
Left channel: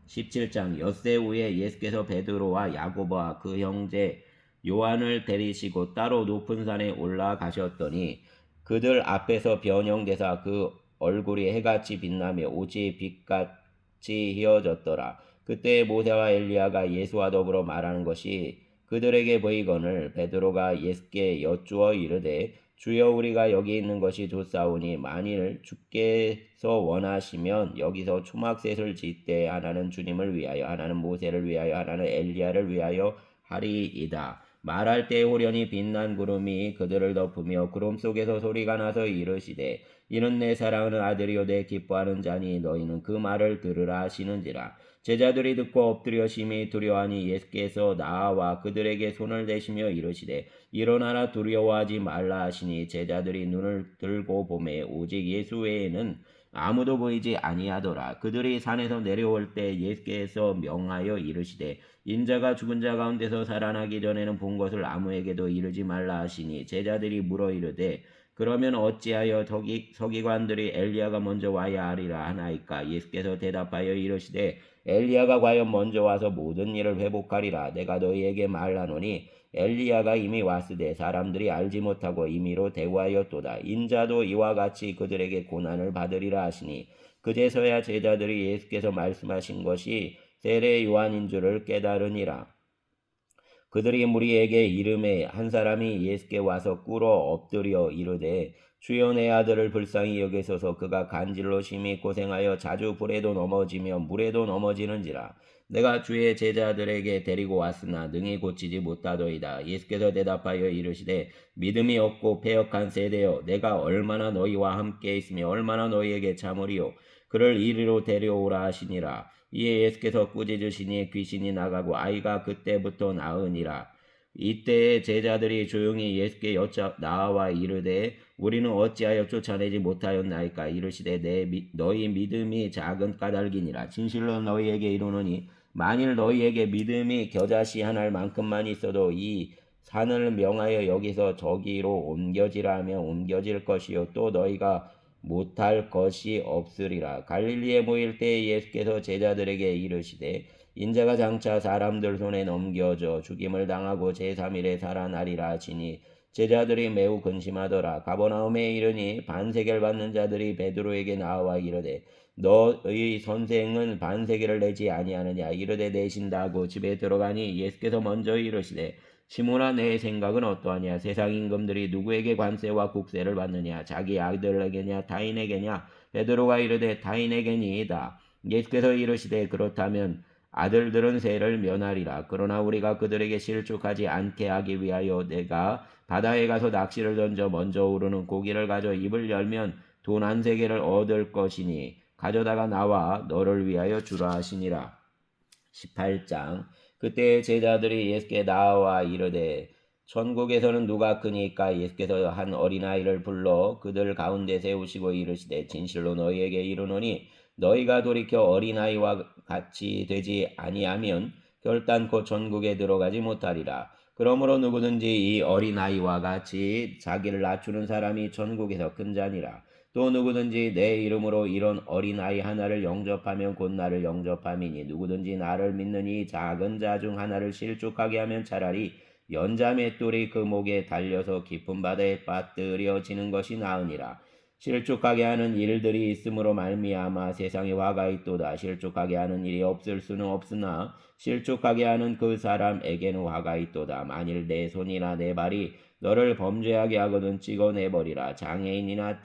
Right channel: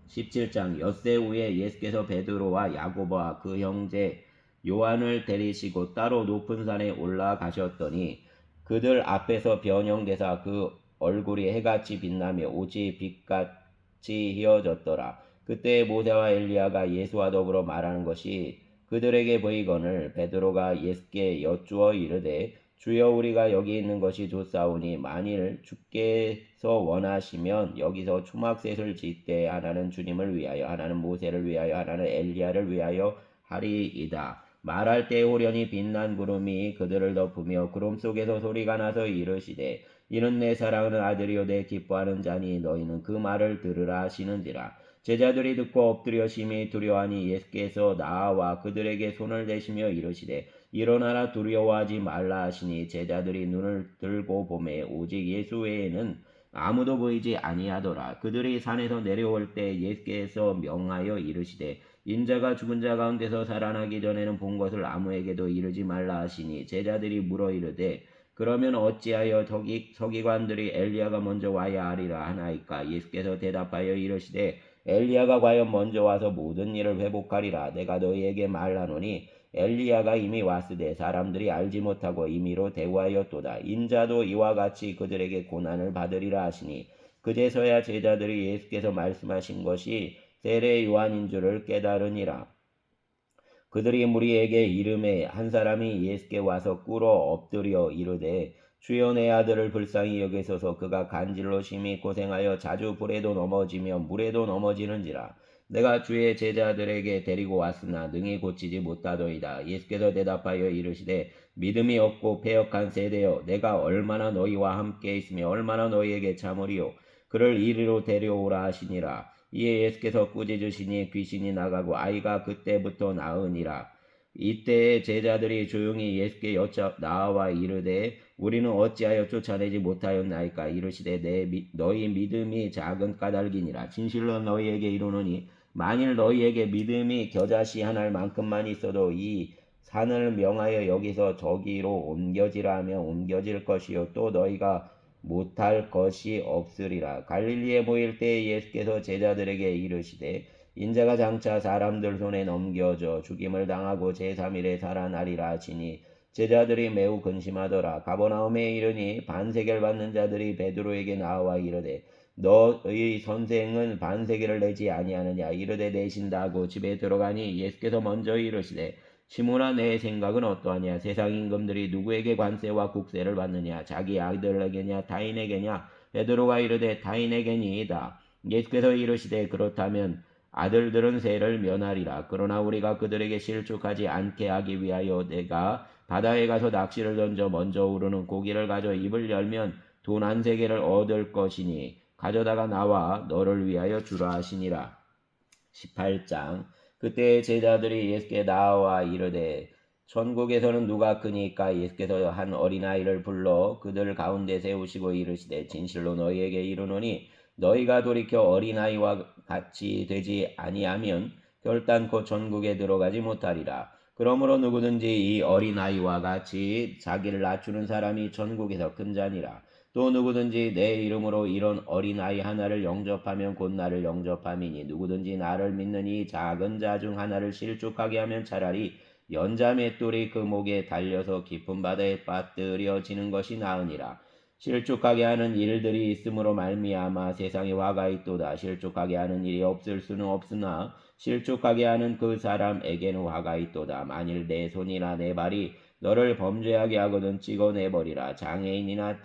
17장 엿새 후에 예수께서 베드로와 야고보와 그 형제 요한을 데리시고 따로 높은 산에 올라가셨더니 그들 앞에서 변형되사 그 얼굴이 해같이 빛나며 오직 빛같이 휘어졌더라. 그때 모세와 엘리야가 예수와 더불어 말하는 것이 그들에게 보이거늘 베드로가 예수께 여쭈어 이르되 주여 우리가 여기 있는 것이 좋사오니 만일 주께서 원하시면 여기서 초막셋을 짓되 하나는 주님을 위하여 하나는 모세를 위하여 하나는 엘리야를 위하여 하리이다. 말할 때 호련히 빛난 구름이 그들을 덮으며 구름 속에서 소리가 나서 이르시되 이는 내 사랑하는 아들이요 내 기뻐하는 자니 너희는 그 말을 들으라 하시는지라. 제자들이 듣고 엎드려 심히 두려워하니 예수께서 나와 그들에게 손을 대시며 이르시되 일어나라 두려워하지 말라 하시니 제자들이 눈을 들고 보매 오직 예수 외에는 아무도 보이지 아니하더라. 그들이 산에서 내려올 때 예수께서 명하여 이르시되 인자가 죽은 자 가운데서 살아나기 전에는 본 것을 아무에게도 이르지 말라 하시니 제자들이 물어 이르되 그러면 어찌하여 서기관들이 엘리야가 먼저 와야 하리라 하나이까. 예수께서 대답하여 이르시되 엘리야가 과연 먼저 와서 모든 일을 회복하리라. 내가 너희에게 말하노니 엘리야가 이미 왔으되 사람들이 알지 못하고 임의로 대우하였도다. 인자도 이와 같이 그들에게 고난을 받으리라 하시니 그제서야 제자들이 예수께서 말씀하신 것이 세례 요한인 줄을 깨달으니라. 그들이 무리에게 이름에 한 사람이 예수께 와서 꿇어 엎드려 이르되 주여 내 아들을 불쌍히 여기소서. 그가 간질로 심히 고생하여 자주 불에도 넘어지며 물에도 넘어지는지라. 내가 주의 제자들에게 데리고 왔으나 능히 고치지 못하더이다. 예수께서 대답하여 이르시되 믿음이 없고 패역한 세대여, 내가 얼마나 너희와 함께 있으며 얼마나 너희에게 참으리요. 그를 이리로 데려오라 하시니라. 이에 예수께서 꾸짖으시니 귀신이 나가고 아이가 그때부터 나으니라. 이때에 제자들이 조용히 예수께 나와 이르되 우리는 어찌하여 쫓아내지 못하였나이까. 이르시되 너희 믿음이 작은 까닭이니라. 진실로 너희에게 이르노니 만일 너희에게 믿음이 겨자씨 한 알만큼만 있어도 이 산을 명하여 여기서 저기로 옮겨지라 하면 옮겨질 것이요 또 너희가 못할 것이 없으리라. 갈릴리에 모일 때에 예수께서 제자들에게 이르시되 인자가 장차 사람들 손에 넘겨져 죽임을 당하고 제3일에 살아나리라 하시니 제자들이 매우 근심하더라. 가버나움에 이르니 반세계를 받는 자들이 베드로에게 나와 이르되 너의 선생은 반세계를 내지 아니하느냐. 이르되 내신다고 집에 들어가니 예수께서 먼저 이르시되 시몬아, 내 생각은 어떠하냐? 세상 임금들이 누구에게 관세와 국세를 받느냐? 자기 아들에게냐 타인에게냐? 베드로가 이르되 타인에게니이다. 예수께서 이르시되 그렇다면 아들들은 세를 면하리라. 그러나 우리가 그들에게 실족하지 않게 하기 위하여 내가 바다에 가서 낚시를 던져 먼저 오르는 고기를 가져 입을 열면 돈 한 세계를 얻을 것이니 가져다가 나와 너를 위하여 주라 하시니라. 18장. 그때 제자들이 예수께 나와 이르되 천국에서는 누가 크니까. 예수께서 한 어린아이를 불러 그들 가운데 세우시고 이르시되 진실로 너희에게 이르노니 너희가 돌이켜 어린아이와 같이 되지 아니하면 결단코 천국에 들어가지 못하리라. 그러므로 누구든지 이 어린아이와 같이 자기를 낮추는 사람이 천국에서 큰 자니라. 또 누구든지 내 이름으로 이런 어린아이 하나를 영접하면 곧 나를 영접함이니 누구든지 나를 믿는 이 작은 자 중 하나를 실족하게 하면 차라리 연자 맷돌이 그 목에 달려서 깊은 바다에 빠뜨려지는 것이 나으니라. 실족하게 하는 일들이 있으므로 말미암아 세상에 화가 있도다. 실족하게 하는 일이 없을 수는 없으나 실족하게 하는 그 사람에게는 화가 있도다. 만일 내 손이나 내 발이 너를 범죄하게 하거든 찍어내버리라. 장애인이나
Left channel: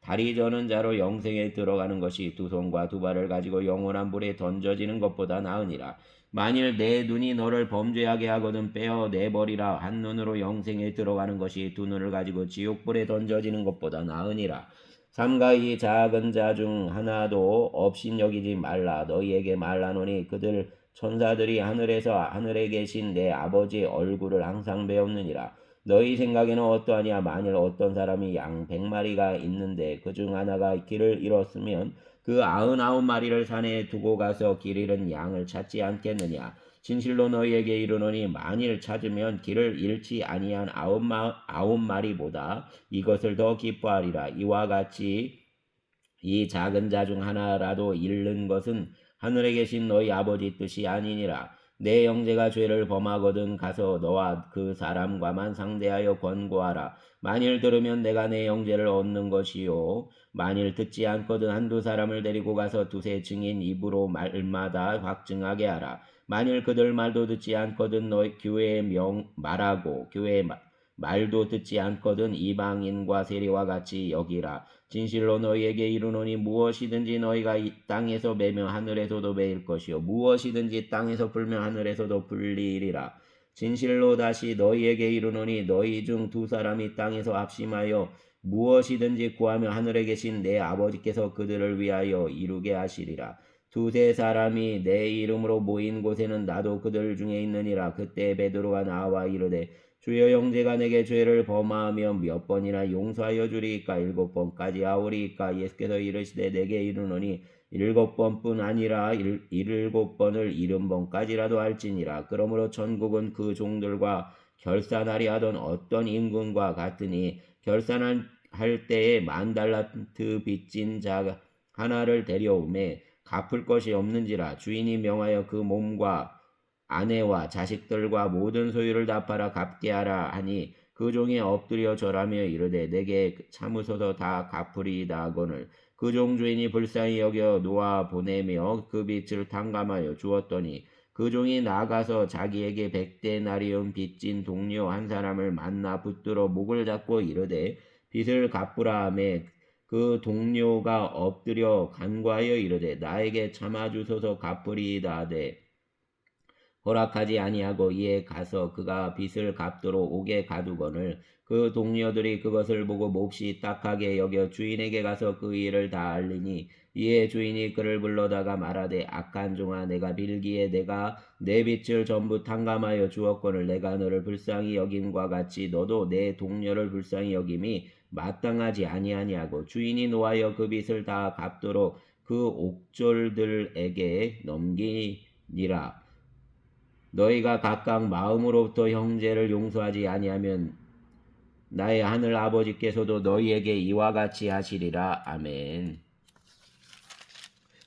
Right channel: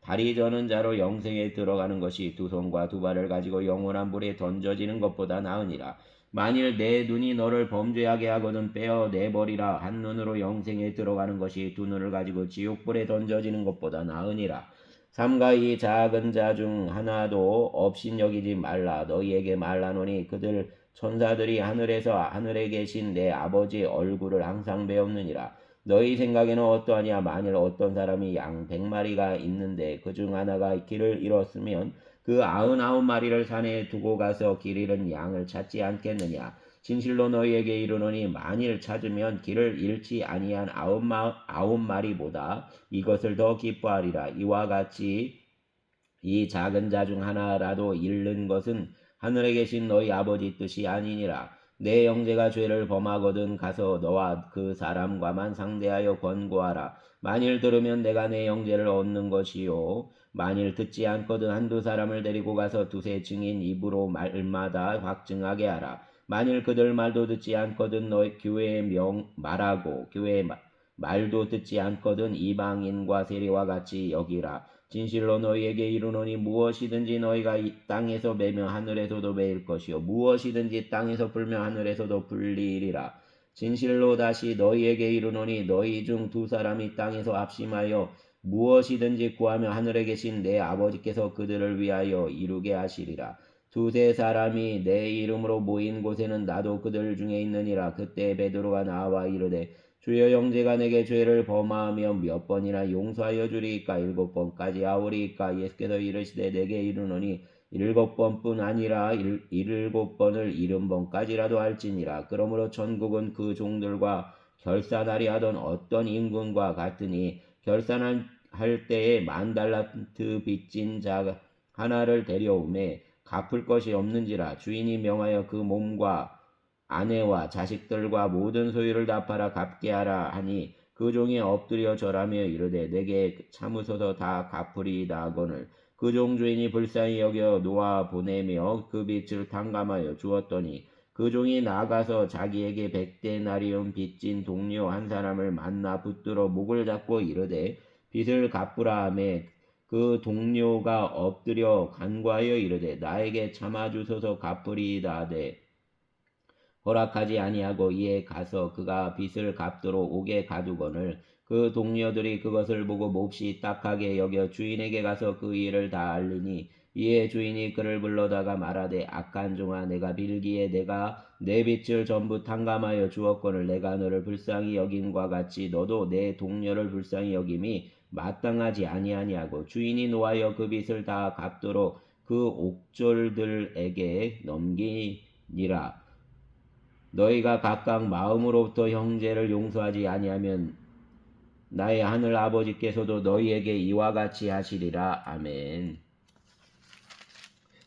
다리 저는 자로 영생에 들어가는 것이 두 손과 두 발을 가지고 영원한 불에 던져지는 것보다 나으니라. 만일 내 눈이 너를 범죄하게 하거든 빼어내버리라. 한 눈으로 영생에 들어가는 것이 두 눈을 가지고 지옥불에 던져지는 것보다 나으니라. 삼가 이 작은 자 중 하나도 업신여기지 말라. 너희에게 말하노니 그들 천사들이 하늘에 계신 내 아버지 얼굴을 항상 배웠느니라. 너희 생각에는 어떠하냐? 만일 어떤 사람이 양 100마리가 있는데 그 중 하나가 길을 잃었으면 그 99마리를 산에 두고 가서 길 잃은 양을 찾지 않겠느냐? 진실로 너희에게 이르노니 만일 찾으면 길을 잃지 아니한 9마리보다 이것을 더 기뻐하리라. 이와 같이 이 작은 자 중 하나라도 잃는 것은 하늘에 계신 너희 아버지 뜻이 아니니라. 내 형제가 죄를 범하거든 가서 너와 그 사람과만 상대하여 권고하라. 만일 들으면 내가 내 형제를 얻는 것이요 만일 듣지 않거든 한두 사람을 데리고 가서 두세 증인 입으로 말마다 확증하게 하라. 만일 그들 말도 듣지 않거든 너희 교회에 말하고 교회의 말도 듣지 않거든 이방인과 세리와 같이 여기라. 진실로 너희에게 이르노니 무엇이든지 너희가 이 땅에서 매며 하늘에서도 매일 것이요 무엇이든지 땅에서 풀며 하늘에서도 풀리리라. 진실로 다시 너희에게 이르노니 너희 중 두 사람이 땅에서 합심하여 무엇이든지 구하며 하늘에 계신 내 아버지께서 그들을 위하여 이루게 하시리라. 두세 사람이 내 이름으로 모인 곳에는 나도 그들 중에 있느니라. 그때 베드로가 나와 이르되 주여, 형제가 내게 죄를 범하며 몇 번이나 용서하여 주리이까? 7번까지 하오리이까? 예수께서 이르시되 내게 이르노니 7번뿐 아니라 7번을 70번까지라도 할지니라. 그러므로 천국은 그 종들과 결산하리 하던 어떤 임금과 같으니 결산할 때에 10,000달란트 빚진 자 하나를 데려오매 갚을 것이 없는지라. 주인이 명하여 그 몸과 아내와 자식들과 모든 소유를 다 팔아 갚게 하라 하니 그 종이 엎드려 절하며 이르되 내게 참으소서 다 갚으리이다 하거늘 그 종 주인이 불쌍히 여겨 놓아 보내며 그 빚을 탕감하여 주었더니 그 종이 나가서 자기에게 100데나리온 빚진 동료 한 사람을 만나 붙들어 목을 잡고 이르되 빚을 갚으라 하매 그 동료가 엎드려 간구하여 이르되 나에게 참아주소서 갚으리이다 하되 허락하지 아니하고 이에 가서 그가 빚을 갚도록 옥에 가두거늘 그 동료들이 그것을 보고 몹시 딱하게 여겨 주인에게 가서 그 일을 다 알리니 이에 주인이 그를 불러다가 말하되 악한 종아 내가 빌기에 내가 내 빚을 전부 탕감하여 주었거늘 내가 너를 불쌍히 여김과 같이 너도 내 동료를 불쌍히 여김이 마땅하지 아니하냐고 주인이 노하여 그 빚을 다 갚도록 그 옥졸들에게 넘기니라. 너희가 각각 마음으로부터 형제를 용서하지 아니하면 나의 하늘 아버지께서도 너희에게 이와 같이 하시리라. 아멘.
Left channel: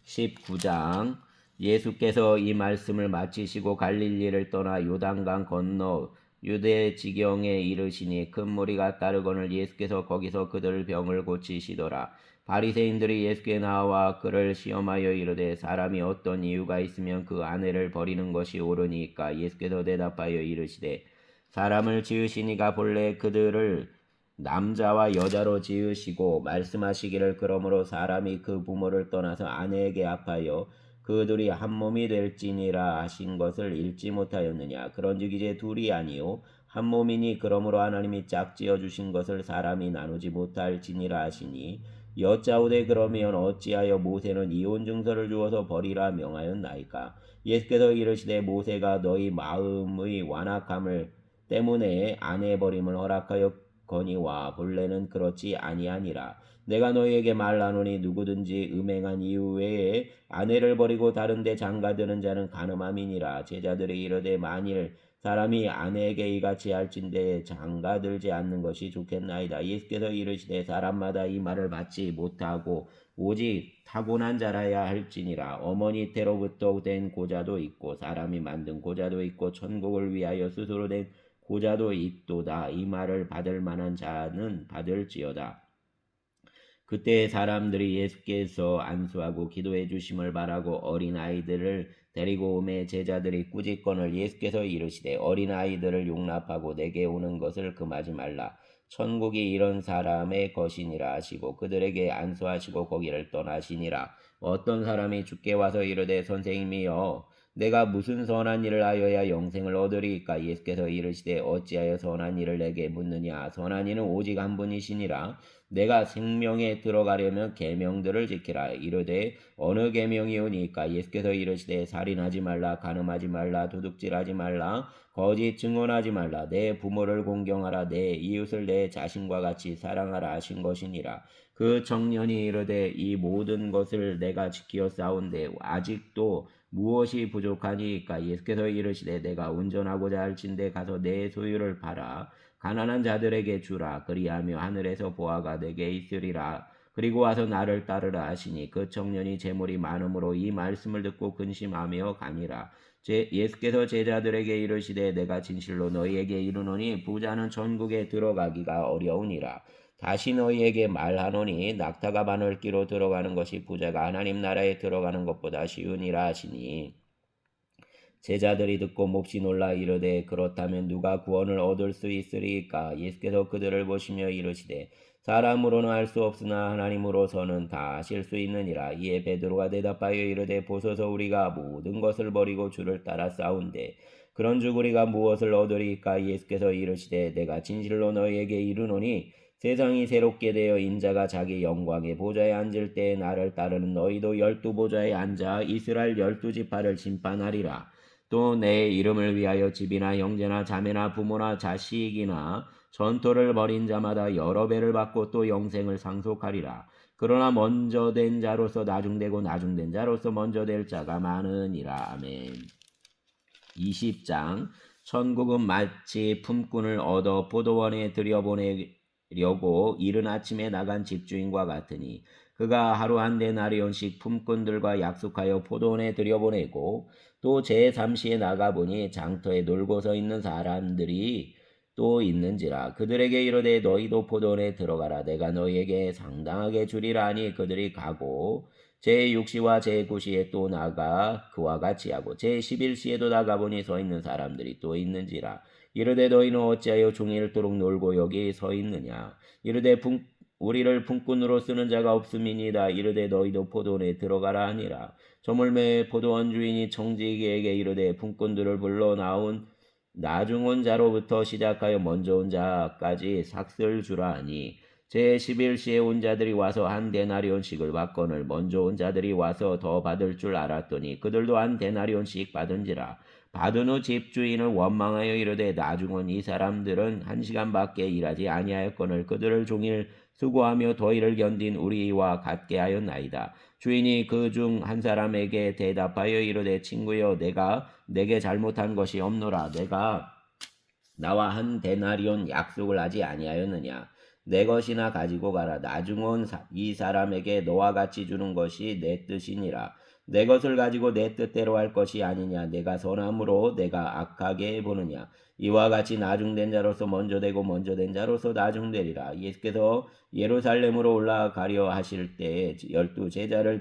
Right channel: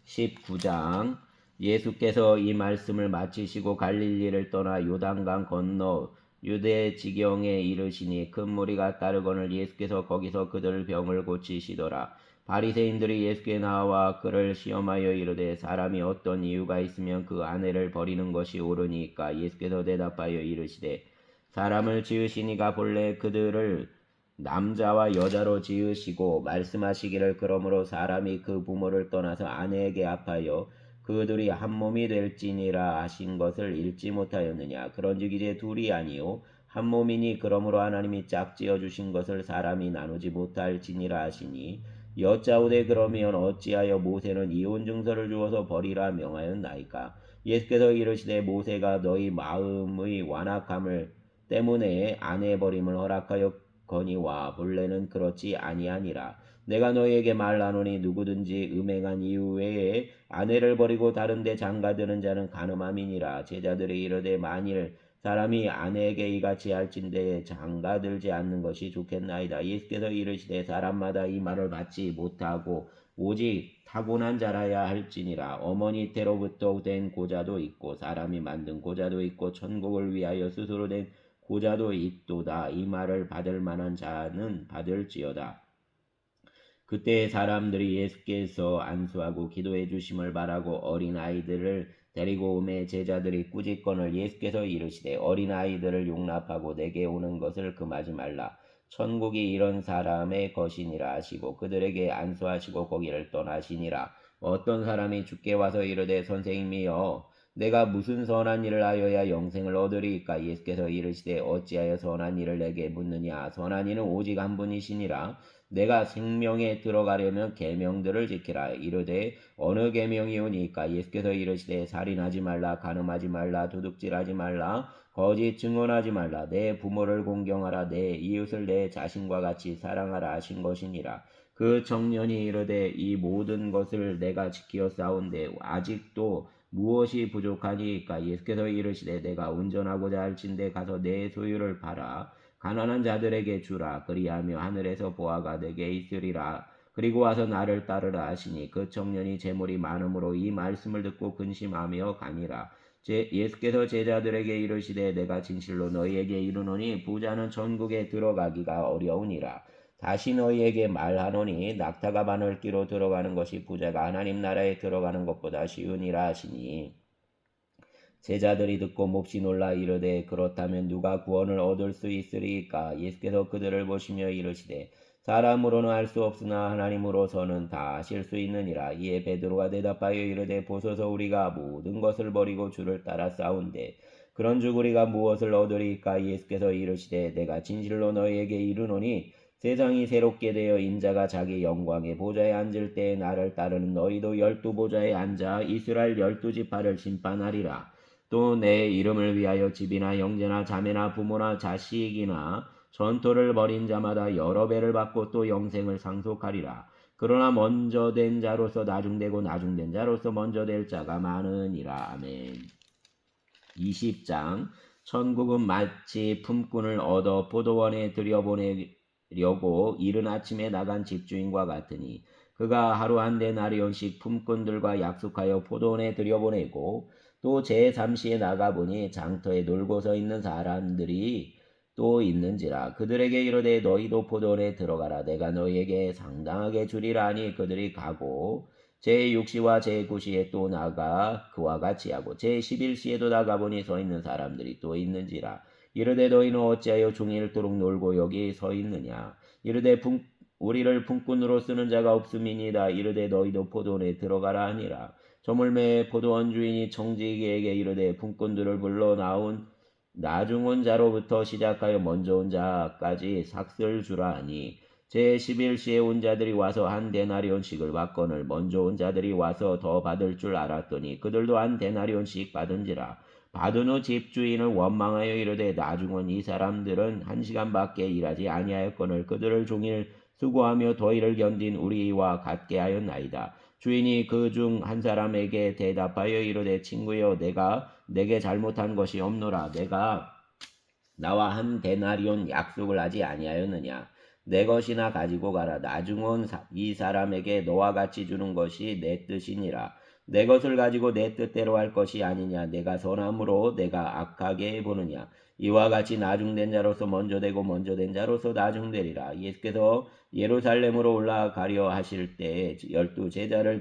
19장 예수께서 이 말씀을 마치시고 갈릴리를 떠나 요단강 건너 유대 지경에 이르시니 큰 무리가 따르거늘 예수께서 거기서 그들 병을 고치시더라. 바리새인들이 예수께 나와 그를 시험하여 이르되 사람이 어떤 이유가 있으면 그 아내를 버리는 것이 옳으니까. 예수께서 대답하여 이르시되 사람을 지으시니가 본래 그들을 남자와 여자로 지으시고 말씀하시기를 그러므로 사람이 그 부모를 떠나서 아내에게 합하여 그들이 한 몸이 될지니라 하신 것을 읽지 못하였느냐. 그런즉 이제 둘이 아니요 한 몸이니 그러므로 하나님이 짝지어 주신 것을 사람이 나누지 못할지니라 하시니 여짜오되 그러면 어찌하여 모세는 이혼 증서를 주어서 버리라 명하였나이까. 예수께서 이르시되 모세가 너희 마음의 완악함을 때문에 아내 버림을 허락하여 거니와 본래는 그렇지 아니하니라. 내가 너희에게 말하노니 누구든지 음행한 이후에 아내를 버리고 다른 데 장가드는 자는 간음함이니라. 제자들이 이르되 만일 사람이 아내에게 이같이 할진대 장가들지 않는 것이 좋겠나이다. 예수께서 이르시되 사람마다 이 말을 받지 못하고 오직 타고난 자라야 할지니라. 어머니 때로부터 된 고자도 있고 사람이 만든 고자도 있고 천국을 위하여 스스로 된 고자도 있도다. 이 말을 받을 만한 자는 받을지어다. 그때 사람들이 예수께서 안수하고 기도해 주심을 바라고 어린아이들을 데리고 오매 제자들이 꾸짖거늘 예수께서 이르시되 어린아이들을 용납하고 내게 오는 것을 금하지 말라. 천국이 이런 사람의 것이니라 하시고 그들에게 안수하시고 거기를 떠나시니라. 어떤 사람이 주께 와서 이르되 선생님이여 내가 무슨 선한 일을 하여야 영생을 얻으리이까. 예수께서 이르시되 어찌하여 선한 일을 내게 묻느냐. 선한 이는 오직 한 분이시니라. 내가 생명에 들어가려면 계명들을 지키라. 이르되 어느 계명이오니까. 예수께서 이르시되 살인하지 말라, 간음하지 말라, 도둑질하지 말라, 거짓 증언하지 말라, 내 부모를 공경하라, 내 이웃을 내 자신과 같이 사랑하라 하신 것이니라. 그 청년이 이르되 이 모든 것을 내가 지키어 싸운데 아직도 무엇이 부족하니까. 예수께서 이르시되 내가 운전하고자 할진대 가서 내 소유를 팔아 가난한 자들에게 주라. 그리하며 하늘에서 보화가 내게 있으리라. 그리고 와서 나를 따르라 하시니 그 청년이 재물이 많음으로 이 말씀을 듣고 근심하며 가니라. 예수께서 제자들에게 이르시되 내가 진실로 너희에게 이르노니 부자는 천국에 들어가기가 어려우니라. 다시 너희에게 말하노니 낙타가 바늘기로 들어가는 것이 부자가 하나님 나라에 들어가는 것보다 쉬우니라 하시니 제자들이 듣고 몹시 놀라 이르되 그렇다면 누가 구원을 얻을 수 있으리까. 예수께서 그들을 보시며 이르시되 사람으로는 할 수 없으나 하나님으로서는 다 하실 수 있느니라. 이에 베드로가 대답하여 이르되 보소서 우리가 모든 것을 버리고 주를 따라 싸운대 그런즉 우리가 무엇을 얻으리까. 예수께서 이르시되 내가 진실로 너희에게 이르노니 세상이 새롭게 되어 인자가 자기 영광의 보좌에 앉을 때에 나를 따르는 너희도 12보좌에 앉아 이스라엘 12지파를 심판하리라. 또 내 이름을 위하여 집이나 형제나 자매나 부모나 자식이나 전토를 벌인 자마다 여러 배를 받고 또 영생을 상속하리라. 그러나 먼저 된 자로서 나중되고 나중된 자로서 먼저 될 자가 많으니라. 아멘. 20장 천국은 마치 품꾼을 얻어 포도원에 들여보내려고 이른 아침에 나간 집주인과 같으니 그가 하루 한 데나리온씩 품꾼들과 약속하여 포도원에 들여보내고 또 제3시에 나가보니 장터에 놀고 서 있는 사람들이 또 있는지라. 그들에게 이르되 너희도 포도원에 들어가라. 내가 너희에게 상당하게 주리라 하니 그들이 가고 제6시와 제9시에 또 나가 그와 같이 하고 제11시에도 나가보니 서 있는 사람들이 또 있는지라. 이르되 너희는 어찌하여 종일토록 놀고 여기 서 있느냐. 이르되 우리를 품꾼으로 쓰는 자가 없음이니이다. 이르되 너희도 포도원에 들어가라 하니라. 저물매 포도원 주인이 청지기에게 이르되 품꾼들을 불러 나중 온 자로부터 시작하여 먼저 온 자까지 삭슬 주라 하니 제11시에 온 자들이 와서 한 데나리온씩을 받거늘 먼저 온 자들이 와서 더 받을 줄 알았더니 그들도 한 데나리온씩 받은지라. 받은 후 집주인을 원망하여 이르되 나중 온 이 사람들은 1시간밖에 일하지 아니하였거늘 그들을 종일 수고하며 더위를 견딘 우리와 같게 하였나이다. 주인이 그 중 한 사람에게 대답하여 이르되 친구여 내가 내게 잘못한 것이 없노라. 내가 나와 한 데나리온 약속을 하지 아니하였느냐. 내 것이나 가지고 가라. 나중 온 이 사람에게 너와 같이 주는 것이 내 뜻이니라. 내 것을 가지고 내 뜻대로 할 것이 아니냐. 내가 선함으로 내가 악하게 보느냐. 이와 같이 나중된 자로서 먼저 되고 먼저 된 자로서 나중되리라. 예수께서 예루살렘으로 올라가려 하실 때에 12 제자를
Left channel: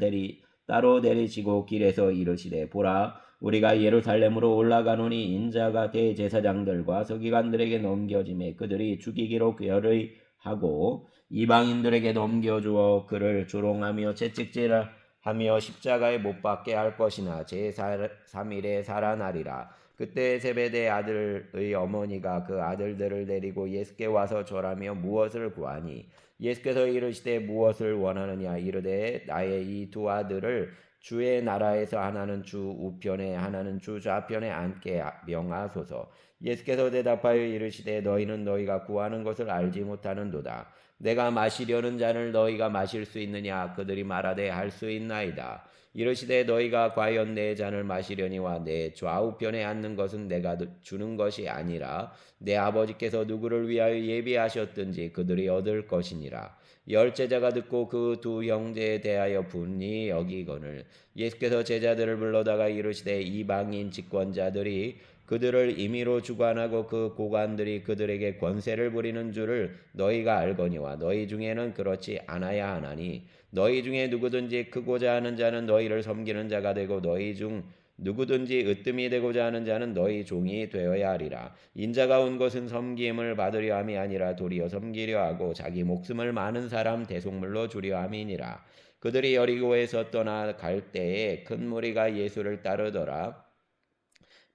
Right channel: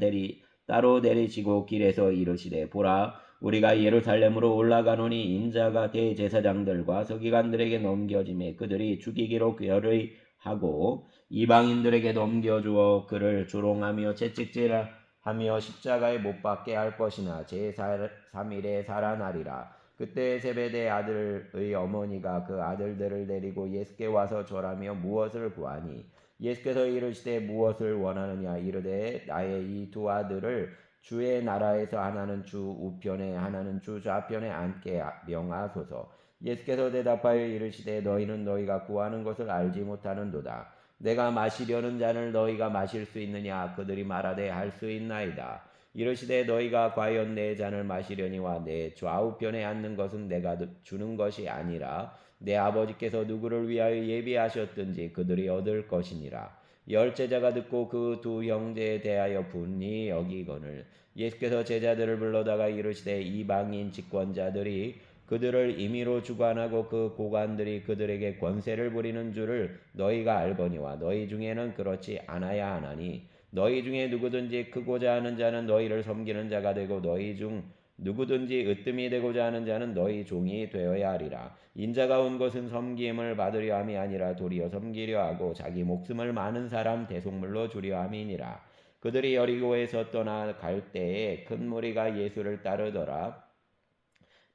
따로 데리시고 길에서 이르시되 보라 우리가 예루살렘으로 올라가노니 인자가 대제사장들과 서기관들에게 넘겨짐에 그들이 죽이기로 결의하고 이방인들에게 넘겨주어 그를 조롱하며 채찍질하며 십자가에 못 박게 할 것이나 제3일에 살아나리라. 그때 세베대 아들의 어머니가 그 아들들을 데리고 예수께 와서 절하며 무엇을 구하니 예수께서 이르시되 무엇을 원하느냐. 이르되 나의 이 두 아들을 주의 나라에서 하나는 주 우편에 하나는 주 좌편에 앉게 명하소서. 예수께서 대답하여 이르시되 너희는 너희가 구하는 것을 알지 못하는도다. 내가 마시려는 잔을 너희가 마실 수 있느냐. 그들이 말하되 할 수 있나이다. 이르시되 너희가 과연 내 잔을 마시려니와 내 좌우편에 앉는 것은 내가 주는 것이 아니라 내 아버지께서 누구를 위하여 예비하셨든지 그들이 얻을 것이니라. 열 제자가 듣고 그 두 형제에 대하여 분이 여기거늘 예수께서 제자들을 불러다가 이르시되 이방인 집권자들이 그들을 임의로 주관하고 그 고관들이 그들에게 권세를 부리는 줄을 너희가 알거니와 너희 중에는 그렇지 않아야 하나니 너희 중에 누구든지 크고자 하는 자는 너희를 섬기는 자가 되고 너희 중 누구든지 으뜸이 되고자 하는 자는 너희 종이 되어야 하리라. 인자가 온 것은 섬김을 받으려 함이 아니라 도리어 섬기려 하고 자기 목숨을 많은 사람 대속물로 주려 함이니라. 그들이 여리고에서 떠나갈 때에 큰 무리가 예수를 따르더라.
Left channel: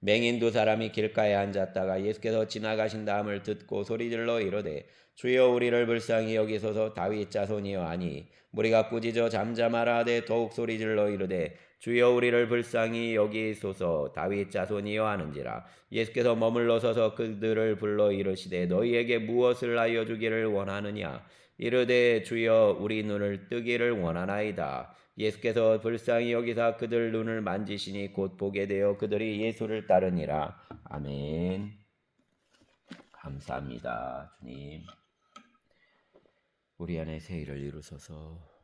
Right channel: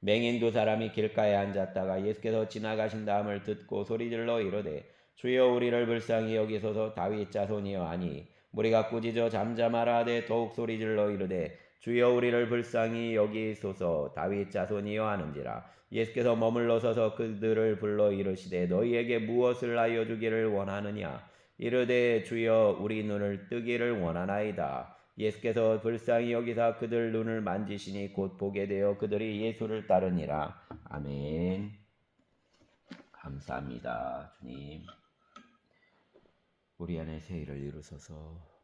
맹인 두 사람이 길가에 앉았다가 예수께서 지나가신 다음을 듣고 소리질러 이르되 주여 우리를 불쌍히 여기소서. 다윗 자손이여 하니 무리가 꾸짖어 잠잠하라 하되 더욱 소리질러 이르되 주여 우리를 불쌍히 여기소서. 다윗 자손이여 하는지라. 예수께서 머물러 서서 그들을 불러 이르시되 너희에게 무엇을 하여 주기를 원하느냐. 이르되 주여 우리 눈을 뜨기를 원하나이다. 예수께서 불쌍히 여기사 그들 눈을 만지시니 곧 보게 되어 그들이 예수를 따르니라. 아멘. 감사합니다. 주님 우리 안에 새 일을 이루소서.